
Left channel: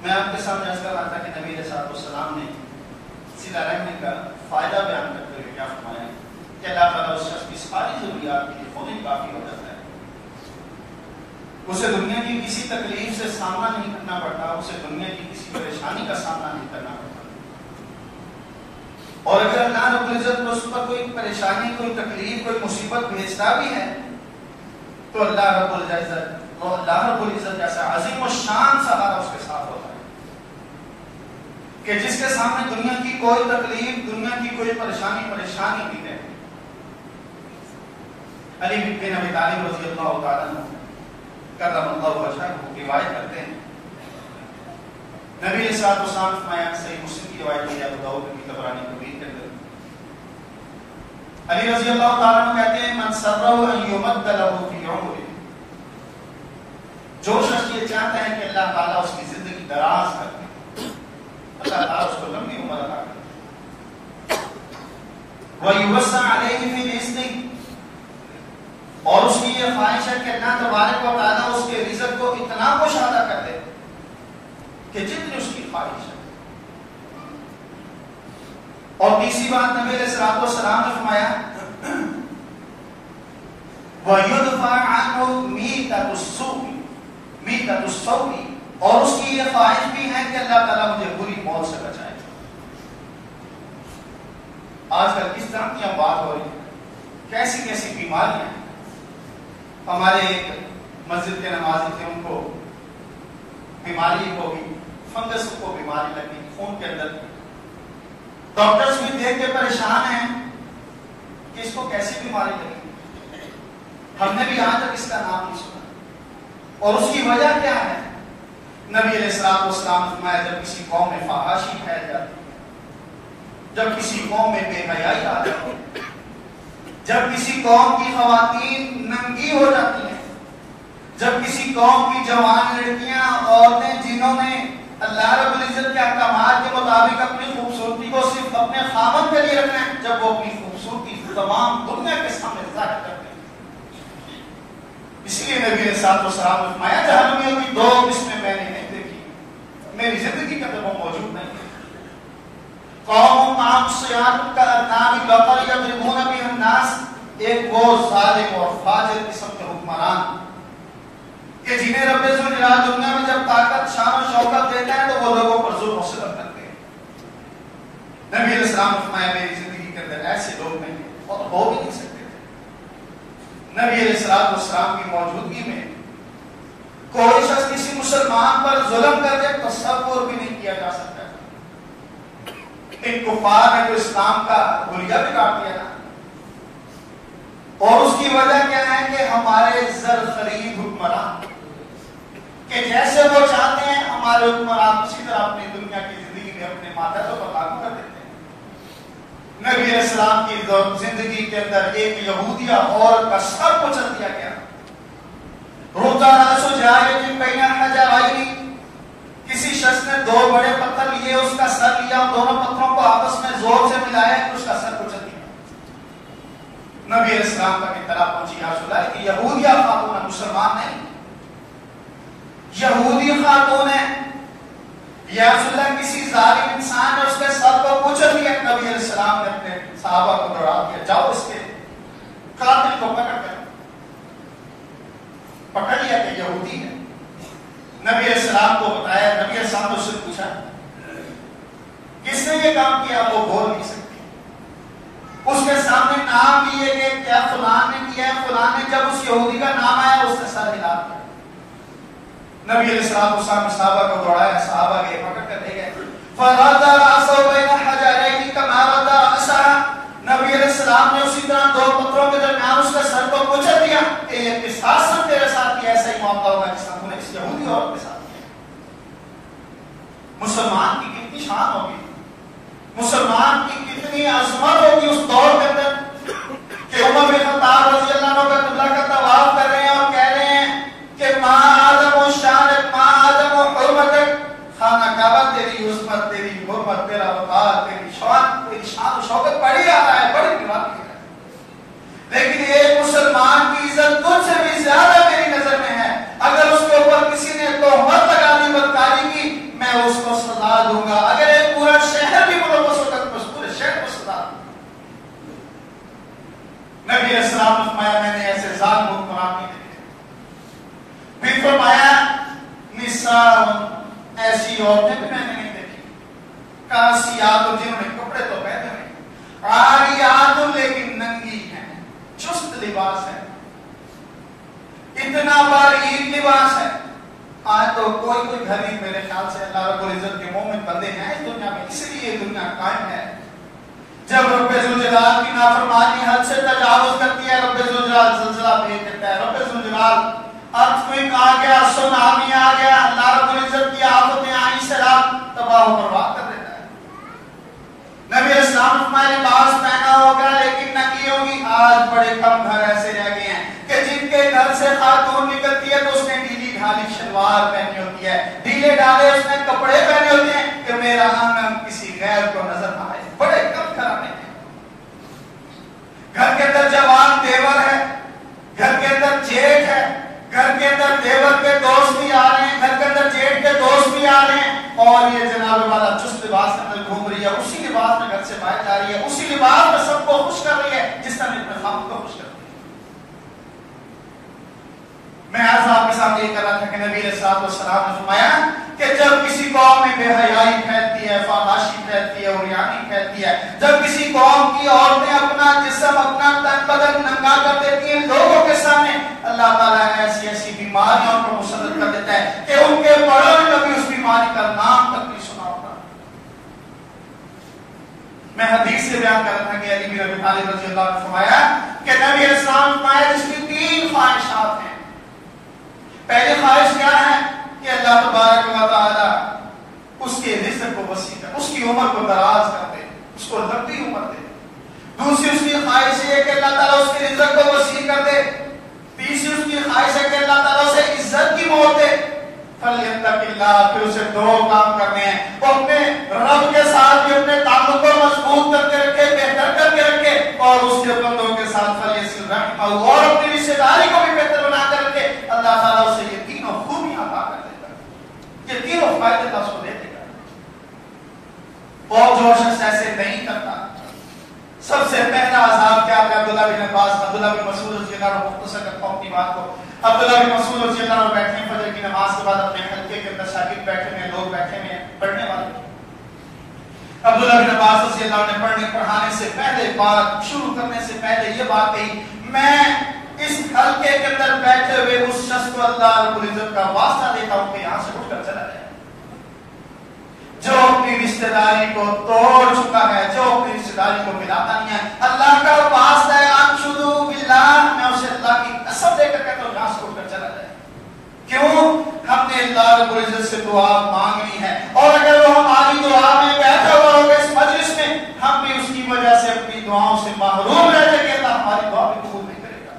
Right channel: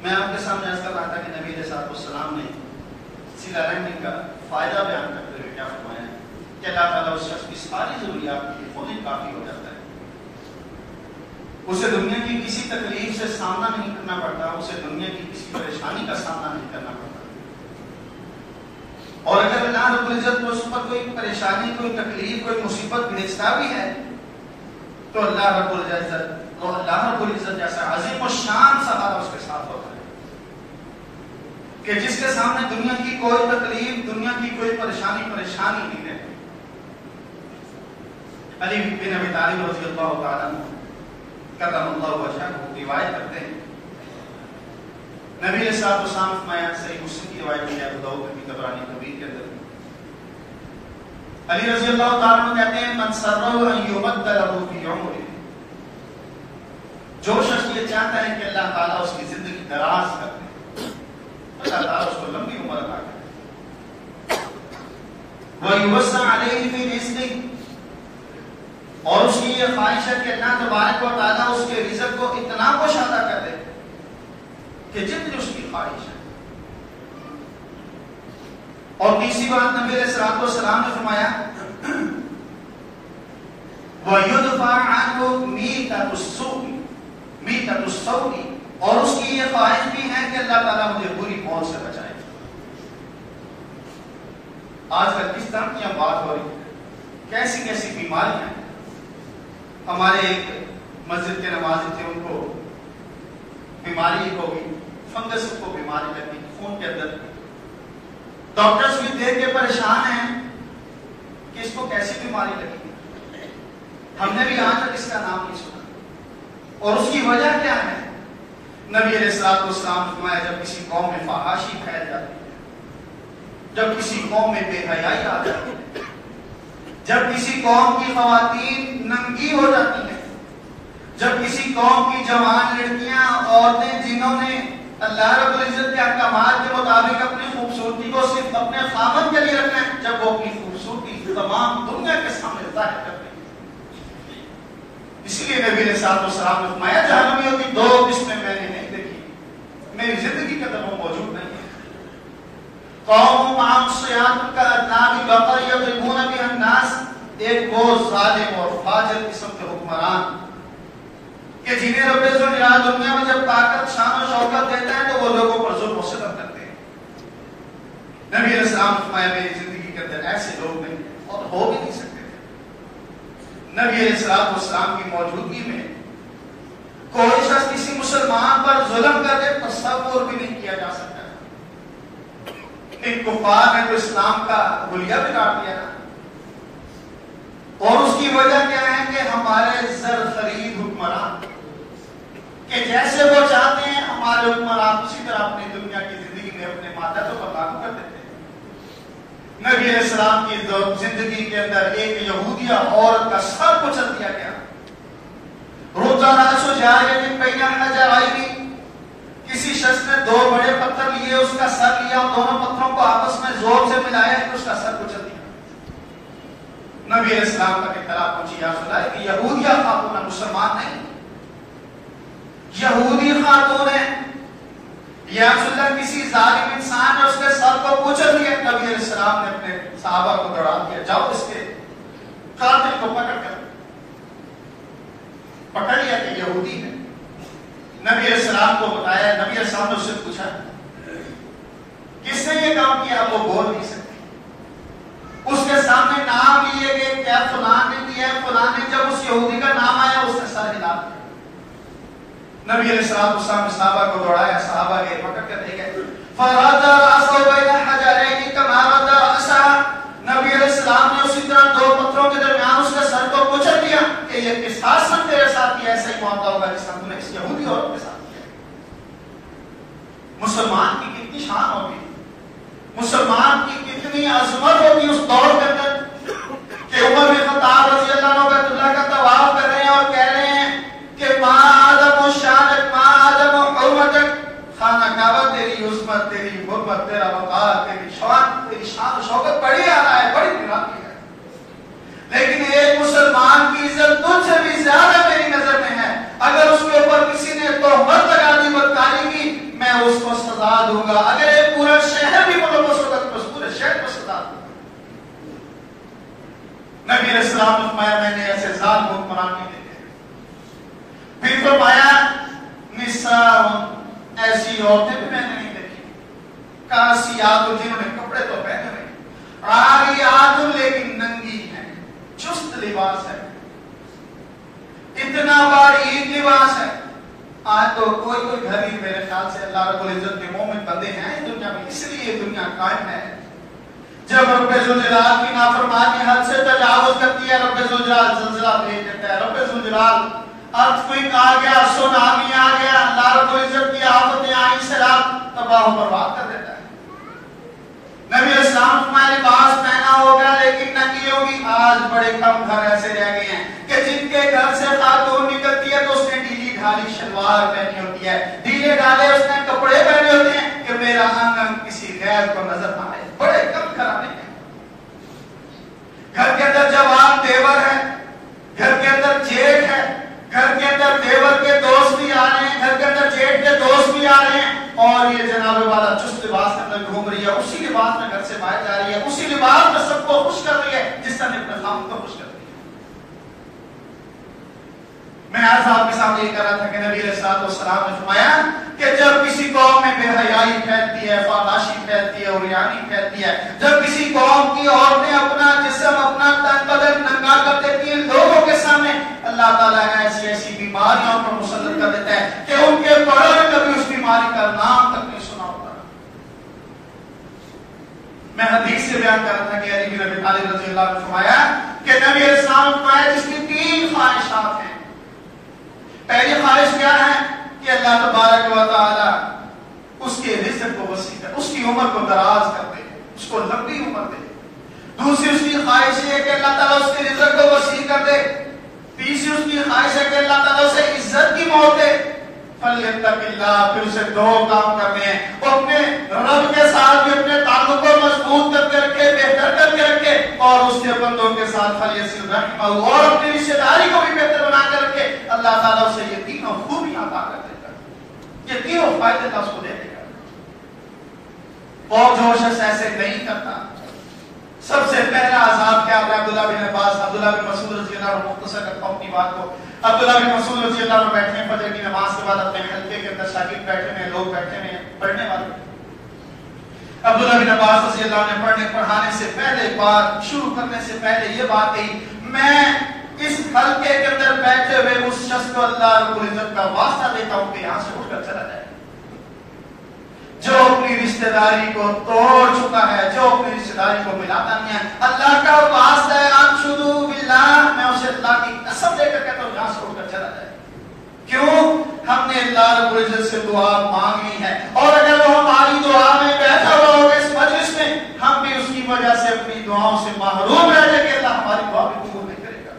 میں آپ کے سامنے عرض کر رہا تھا کہ نبی علیہ السلام نے صلہ رحمی کا فائدہ بیان کرتے ہوئے کیا فرمایا کہ اللہ تعالیٰ اس شخص کی ساری ضروریات کے لیے خود ہی کافی ہو جاتا ہے. اسے دنیا کی کسی تکلیف سے سامنا نہیں کرنا پڑتا, اسے دنیا کی کسی پریشانی کا سامنا نہیں کرنا پڑتا. اور اگر اللہ رب العزت کو اس پر کوئی پریشانی, کوئی تکلیف, کوئی مصیبت بھیجتا بھی ہے تو اللہ رب العزت جیسا عظیم و شان سہارا اس کے ساتھ ہوتا ہے کہ جس کے سامنے دنیا کی کوئی تکلیف, دنیا کی کوئی پریشانی نہیں ہے. علی بن ابی طالب رضی اللہ تعالیٰ عنہ کرم اللہ وجہہ روایت کرتے ہیں, نبی علیہ الصلوۃ والسلام فرمایا, صحیح مسلم کی روایت ہے, ابو داؤد کی طبرانی کبیر کے اندر, علی رضی اللہ تعالیٰ عنہ کہتے ہیں من سرہ ان یمد لہ فی عمرہ, جو شخص یہ چاہتا ہے کہ اللہ تعالیٰ اس کی زندگی دراز کر دے, اللہ تعالیٰ اس کو لمبی عمر عطا کرے, وَيُوَسَّعْ عَلَيْهِ فِي رِزْقِهِ, اور اس کی یہ خواہش ہے کہ اللہ تبارک و تعالیٰ اس کے رزق کو اتنا کشادہ کر دے کہ جتنی اس کی خواہش ہے. اور تیسری بات نبی علیہ السلام نے فرمایا وَيُدْفَعْ عَنْهُ مِيتَةُ السَّوْءِ, اور اس کی یہ خواہش بھی ہے کہ اللہ تعالیٰ مجھے بری موت سے بچائے. آج کل کس طرح کی ہم بات ہو رہی ہے, کیسی کیسی بیماریاں ہیں. ہمارے ایک مسجد کے نمازی تھے, ان کو بیماری ہو گئی, فنگس کو بیماری لگی خون کے اندر. ڈاکٹرز بھی دیکھ کے پریشان ہیں کہ اس کو کیسی بیماری لگی, ہم نے بھی یہاں تک اس کا نام نہیں سنا. اور اس کی وجہ کیا ہے؟ نبی علیہ الصلوۃ والسلام نے فرمایا جب کسی قوم میں فحاشی پھیل جاتی ہے, جب کسی قوم میں بے حیائی آ جاتی ہے, جب کسی قوم کی خواتین ننگی ہو جاتی ہیں, جب کسی قوم کی جوان لڑکیاں, عورتیں جنہوں نے اللہ رب العزت کے احکامات کے مطابق اپنی خوبصورتی کو صرف اپنے خامن کے لیے رکھنا ہے, جب وہ اپنی خوبصورتی تمام دنیا کے سامنے ظاہر کرتے ہیں. اسی لیے نبی علیہ الصلوۃ والسلام نے فرمایا جہنمیوں کی دو قسمیں میں نے نہیں دیکھی, میری زندگی کے اندر وہ موجود نہیں. قوم معصیات کا ادنام بقر یضربون بها الناس, ایک وہ ظالم اور فاجر قسم کے حکمران کہ جنہیں رب ذوالجلال دنیا میں جب طاقت, شان و شوکت دیتا ہے تو وہ لوگوں پر ظلم و ستم کرتے ہیں. نبی علیہ السلام نے فرمایا میری زندگی کے اندر ایسے لوگ نہیں اور ہو بھی نہیں سکتے. نبی علیہ السلام کی موجودگی میں کوئی شخص کسی مسلمان پر ظلم کر دے تصور بھی نہیں کیا جا سکتا. ان کفار نے جو اسلام کا حلیہ بگاڑ دیا تھا, اور اس کی وجہ کیا ہے کہ ہمارے زرخرید حکمران کہ جیسے وہ چاہتے ہیں ہمارے حکمران اسی طرح اپنی دنیا کی زندگی میں اپنے ماتحتوں پر لاگو کر دیتے ہیں. نبی علیہ السلام کی زندگی کے اندر ایک یہودیہ عورت کا سر کچل دیا گیا. روزانہ سو جائے کسی شخص نے دو بڑے پتھر لیے, اس کا سر لیا اور دونوں پتھروں کو آپس میں زور سے ملایا تو اس کا سر کچل دیا. نبی علیہ السلام کا اطلاع پہنچی یا رسول اللہ کہ یہودیہ خاتون مسلمان نہیں, یہودی خاتون ہے. یا رسول اللہ کسی ظالم انسان نے اس کے سر کو کچل دیا. نبی علیہ السلام نے اپنے صحابہ کو دوڑا دیا, جاؤ اس کے قاتل کو پکڑ کر یہودی ہے. نبی علیہ السلام کو بتایا, نبی علیہ السلام نے اس سے پوچھا کس نے یہ کام کیا, وہ بول نہیں سکتے. اس کے سامنے نام لیے گئے, کیا فلان نے کیا ہے, فلان نے. جب اس یہودی کا نام آیا اس نے سر ہلا دیا. نبی علیہ السلام صحابہ کو دوڑایا, صحابہ گئے پکڑ کر لے گئے. فرد راسو بین حجرین کما رد راسا, نبی علیہ السلام نے اسی طرح دو پتھروں کے درمیان اس کے سر کو کچل دیا کہ یہ قصاص تیرے ساتھ ایسا ہی معاملہ ہوگا جس طرح اس یہودی عورت کے ساتھ. مسلمان کی کتنی شان ہوگی, مسلمان کی کتنی عظمت ہوگی اس دور کے اندر کہ عمر بن خطاب رضی اللہ عنہ بیت اللہ کا طواف کر رہے ہیں اور کہہ رہے ہیں کہ ما اعظم شانک, ما اعظم حرمتک, خانہ کعبہ تیری عظمت, تیری حرمت, تیرا وقار, تیری شان و شوکت بڑی آ رہا ہے, بڑی نرالی ہے. لیکن ایک مسلمان کی عزت تجھ سے بھی زیادہ میری نظر میں ہے. اگر اس کے اوپر کسی نے تہمت لگا دی بدکاری کی, میں اس کو سزا دوں گا. اگر ایک پورا شہر بھی ملوث ہوتا تو اس پورے شہر کو سزا دوں گا. نبی علیہ السلام نے فرمایا میں نے ایسے ظالم حکمران نہیں دیکھے. پھر فرمایا نساء, ایسی عورتیں بھی میں نے نہیں دیکھی. کاسیات, جنہوں نے کپڑے تو پہنے ہوئے, عاریات لیکن ننگی ہیں, چست لباس ہے, اتنا باریک لباس ہے. آج تو کوئی گھر ہی میرے خیال سے اللہ رب العزت کے مومن بندے ہیں اس دنیا میں, اس لیے دنیا قائم ہے. جب رب ذوالجلال کی نافرمانی حد سے تجاوز کرتی ہے, رب ذوالجلال زلزلہ بھیج دیتا ہے. رب ذوالجلال ارتھکوئک آ گیا, سونامی آ گیا, اللہ رب العزت کی آفتیں آئی, سیلاب تباہ و برباد کر دیتا ہے. نبی علیہ السلام فرمایا لباس پہنا ہوگا لیکن ننگی ہوگی. آج بڑے کم گھر ایسے رہ گئے ہیں کہ جن کے گھر سے خاتون نکلتی ہے تو اس نے ڈھیلی ڈھالی شلوار پہنی ہوتی ہے, ڈھیلے ڈھالے اس نے کپڑے پہنے ہوتے ہیں کہ میرا آنگن کسی غیر کو نظر نہ آئے. بڑے کم گھرانے ہیں. گھر کے اندر جوان دیور ہے, گھر کے اندر جیٹھ ہے, گھر کے اندر دیور کے دوست بھی آ رہے ہیں, گھر کے اندر جیٹھ کے دوست بھی آ رہے ہیں, اور یہ جناب والا چست لباس کے اندر گھوم رہی ہے, اسی لباس میں گھر سے باہر جا رہی ہے, اسی لباس میں سب کو خوش کر رہی ہے جس طرح اپنے خاوند کو خوش کر رہی ہے. میں آج آپ کے سامنے یہ کر رہا تھا کہ نبی علیہ السلام نے فرمایا کہ جب کسی قوم میں بے حیائی پھیلتی ہے, فحاشی پھیلتی ہے, عریانی پھیلتی ہے, جب کسی قوم کی عورتیں اپنا جسم, اپنا تن بدن ننگا کر دیتی ہیں لوگوں کے سامنے, اللہ تعالیٰ ایسی ایسی بیماریوں پر مسلط کر دیتا ہے کہ ان کے بڑوں نے کبھی اس بیماری کا نام تک نہیں سنا ہوگا. میں حدیث سے بیان کر رہا تھا کہ علی بن ابی طالب رضی اللہ عنہ نے فرمایا کہ نبی علیہ السلام نے فرمایا جس کی 3 خواہشات ہیں. پہلی خواہش کیا ہے کہ اللہ تبارک و تعالی اس کے رزق کو وسیع کر, اس کی عمر کو دراز کر دے, اس کو لمبی عمر دے. دوسری اس کی خواہش ہے کہ اللہ تعالیٰ اس کے رزق کو وسیع کر دے. تیسری اس کی خواہش ہے کہ اللہ تعالیٰ سے عزت کی موت دے. فلیتق اللہ, پھر اسے 2 کام کرنے ہیں. وہ اپنے رب کے ساتھ بھی اپنے تعلق کو مضبوط کر کے رکھے, بہتر کر کے رکھے, اور اس کے بندوں کے ساتھ فلیصل رحمہ, اور اپنی رشتہ داری کو بھی بہتر بنا کر رکھے. اللہ تعالیٰ اسے یہ 3 خوبیاں عطا کر دے گا, یہ 3 فائدے اللہ اس کو دے دے گا. اور جو شخص ایسے نہیں کرتا, سب سے پہلا عذاب کیا ہے؟ عبداللہ بن عباس, عبداللہ بن مسعود رضی اللہ عنہ, مختصر کرتا ہوں اپنی بات کو. عبداللہ بن مسعود رضی اللہ عنہ بیٹھے ہیں فجر کی نماز کے بعد, اپنے حلقے کے اندر شاگرد بیٹھے ہوئے, لوگ بیٹھے ہوئے پڑھنے والے. عبداللہ بن عباس رضی اللہ عنہ نے پڑھانے سے پہلے, بات شروع کرنے سے پہلے یہ بات کہی, میں اس حلقے کے اندر بیٹھے ہوئے اس شخص کو اللہ رب العزت کا واسطہ دیتا ہوں کہ یہاں سے اٹھ کر چلا جائے. جو اپنی رشتہ داری کو توڑ چکا ہے, جو اپنی رشتہ داری کو ملاتا نہیں ہے, اللہ کا واسطہ ہے انشدو باللہ, میں اسے اللہ کی قسم دے کر کہتا ہوں یہاں سے اٹھ کر چلا جائے. کیوں؟ ہم نے اللہ رب العزت سے دعا مانگ لی ہے, اور اگر وہ ہماری دعا میں بیٹھا ہوا ہوگا اس مجلس میں, ہم بھی اس کی وجہ سے اپنی دعاؤں سے محروم رہ جائیں کہ اللہ ہماری دعا بھی قبول نہیں کرے گا.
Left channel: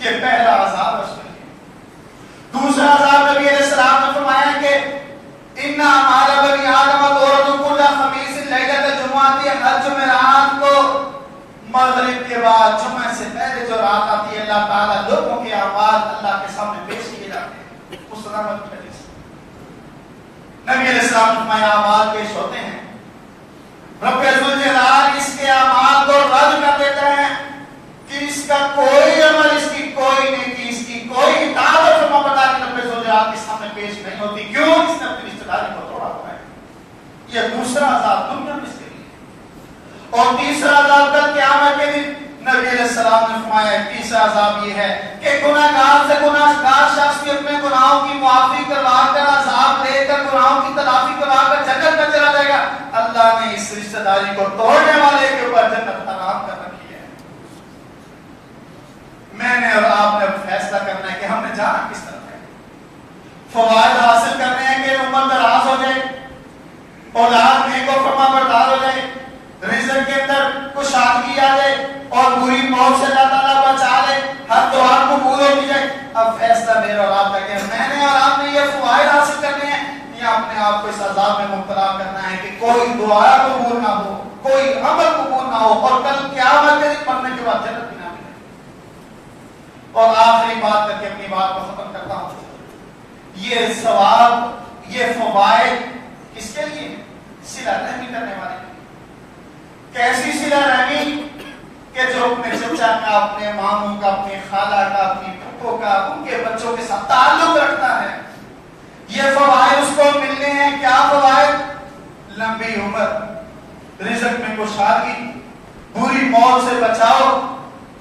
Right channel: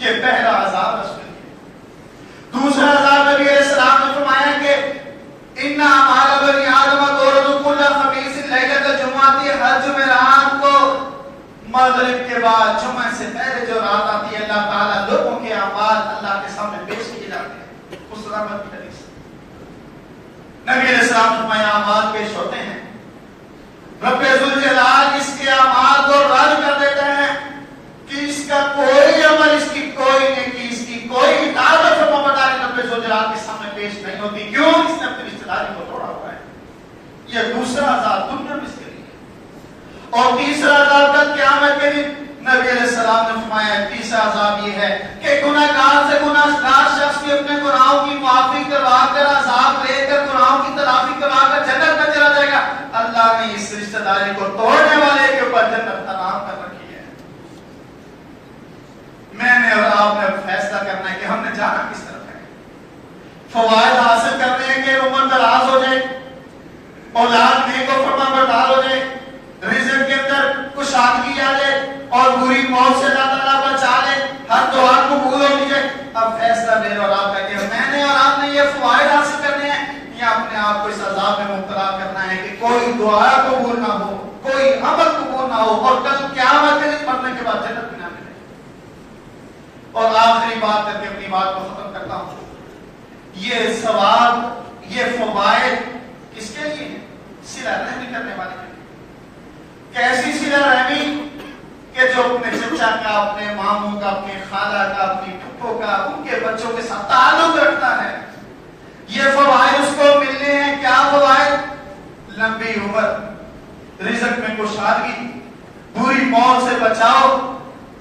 یہ پہلا عذاب ہے اس کے لیے. دوسرا عذاب نبی علیہ السلام نے فرمایا کہ اِنَّا مَعَلَ بَنِي آدَمَ دَوْرَةُ كُلَّ خَمِيسٍ لَيْلَةَ الْجُمُعَةِ, ہر جمعرات کو مغرب کے بعد جمعہ سے پہلے جو رات آتی ہے, اللہ تعالیٰ لوگوں کے اعمال اللہ کے سامنے پیش کیے جاتے ہیں. اس طرح کی حدیث نبی علیہ السلام فرمایا اعمال پیش ہوتے ہیں, رب ذوالجلال اس کے اعمال کو رد کر دیتے ہیں کہ اس کا کوئی عمل, اس کی کوئی نیکی, اس کی کوئی اطاعت آپ کے سامنے پیش نہیں ہوتی. کیوں؟ اس نے اپنی رشتے داری کو توڑا ہوا ہے. یہ دوسرا عذاب دنیا میں سے ہے. اور تیسرا عذاب تک قیامت کے دن نبی علیہ السلام نے فرمایا تیسرا عذاب یہ ہے کہ گناہگار سے گناہگار شخص بھی اپنے گناہوں کی معافی کروا کر عذاب لے کر گناہوں کی تلافی کروا کر جنت میں چلا جائے گا. اللہ نے اس رشتہ داری کو توڑنے والے کے اوپر جنت حرام کر رکھی ہے. میں نے اور آپ نے اب فیصلہ کرنا ہے کہ ہم نے جانا کس طرف ہے. فوائد حاصل کرنے ہیں کہ عمر دراز ہو جائے, اولاد نیک و فرما بردار ہو جائے, رزق کے اندر کشادگی آ جائے اور بری موت سے اللہ تعالیٰ بچا لے, ہر دعا قبول ہو جائے. اب فیصلہ میرا اور آپ کا کہ میں نے اور آپ نے یہ فوائد حاصل کرنے ہیں یا اپنے آپ کو اس عذاب میں مبتلا کرنا ہے کہ کوئی دعا قبول نہ ہو, کوئی عمل قبول نہ ہو اور کل قیامت کے دن مرنے کے بعد جنت بھی نہ ملے. اور آخری بات کر کے اپنی بات کو ختم کرتا ہوں. یہ ثواب, یہ فوائد کس کے لیے؟ صلہ رحمی کرنے والے کے لیے. کیسی صلہ رحمی کہ جو اپنے چچا کا, اپنے ماموں کا, اپنی خالہ کا, اپنی پھپھو کا, ان کے بچوں کے ساتھ تعلق رکھتا ہے. یہ فوائد اس کو ملنے ہیں. کیا فوائد؟ لمبی عمر, رزق میں کشادگی, بری موت سے بچاؤ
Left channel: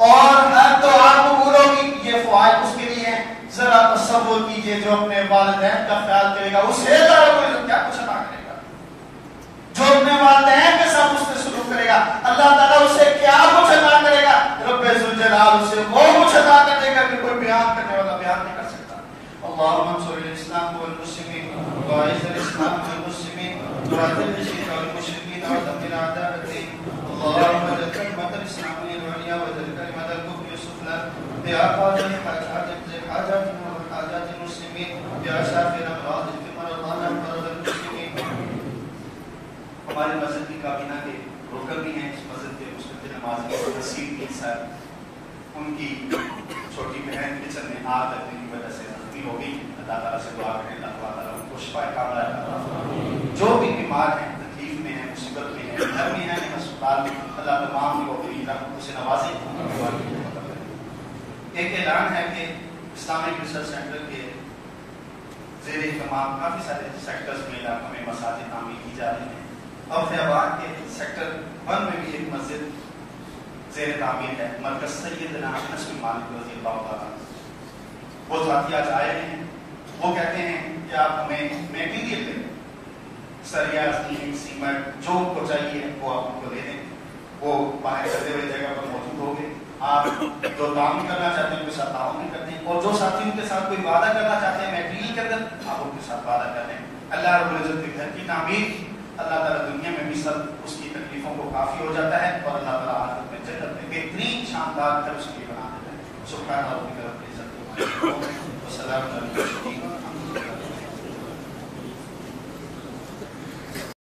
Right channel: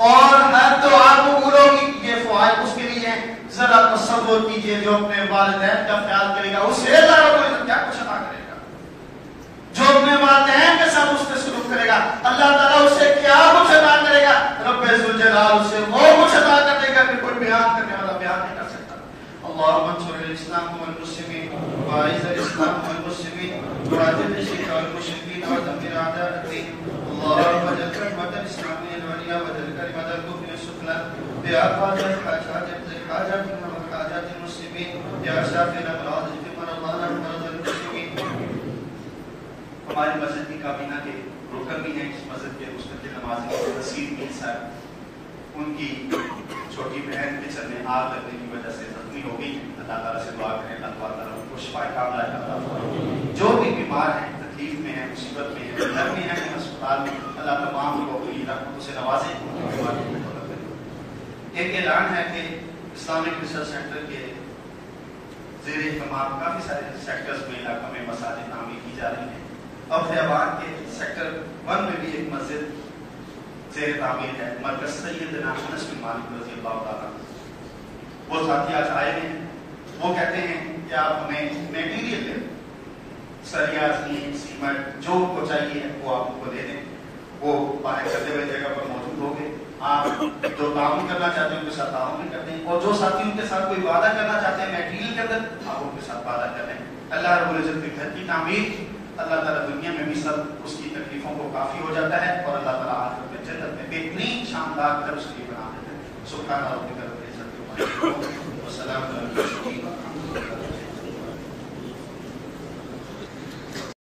اور ہر دعا قبول ہوگی. یہ فوائد اس کے لیے ہیں. ذرا تصور کیجئے جو اپنے والدین کا خیال کرے گا اسے اللہ رب العزت کیا کچھ عطا کرے گا. جو اپنے والدین کے ساتھ اس سے سلوک کرے گا اللہ تعالیٰ اسے کیا کچھ عطا کرے گا. رب ذوالجلال اسے وہ کچھ عطا کر دے گا کہ کوئی بیان کرنے والا بیان نہیں کر سکتا. اللهم انصر الاسلام والمسلمين واعز الاسلام والمسلمين وعذب الشرك والمشركين ودمر اعداء الدين. اللهم اجعل كلمة الاسلام العليا واجعل كلمة الكفر السفلى يا قاضي حاجات وحاجات المسلمين يا شافي الامراض اشف مرضانا ومرضى المسلمين. ہمارے مسجد کی کابینہ کے رکن بھی ہیں, اس مسجد کے مستقل نمازی نصیر کے سر, ان کی چھوٹی بہن کچن میں آگ لگنے کی وجہ سے زخمی ہو گئی. اللہ تعالیٰ سے دعا کریں اللہ تعالیٰ ان کو شفا کاملہ عطا فرمائے. جو بھی بیمار ہیں, تکلیف میں ہیں, مصیبت میں ہیں, گھر میں ہیں, ہسپتال میں, اللہ تمام کو اپنی رحمتوں سے نوازے. ایک اعلان ہے کہ اسلامک ریسرچ سینٹر کے زیر اہتمام کافی سارے سیکٹرز میں علاقوں میں مساجد تعمیر کی جا رہی ہیں. اور فیضان کے سیکٹر 1 میں بھی ایک مسجد زیر تعمیر ہے. مرکز سیدنا انس بن مالک رضی اللہ تعالیٰ. وہ ساتھی آج آئے ہیں, وہ کہتے ہیں کہ آپ ہمیں میٹیریل دیں, سریا, سیمنٹ, جو کو چاہیے وہ آپ کو دے دیں. وہ باہر چلتے ہوئے جگہ پر موجود ہوگے. آپ جو تعاون کرنا چاہتے ہیں ان کے ساتھ تعاون بھی کرتے ہیں, اور جو ساتھی ان کے ساتھ کوئی وعدہ کرنا چاہتے ہیں میٹیریل کے اندر, آپ ان کے ساتھ وعدہ کرتے ہیں. اللہ رب العزت کے گھر کی تعمیر اللہ تعالیٰ دنیا میں بھی سب اس کی تکلیفوں کو کافی ہو جاتا ہے اور اللہ تعالیٰ آخرت میں جنت میں بہترین شاندار گھر اس کے لیے بنا دیتے ہیں. سبحان ربک رب العزت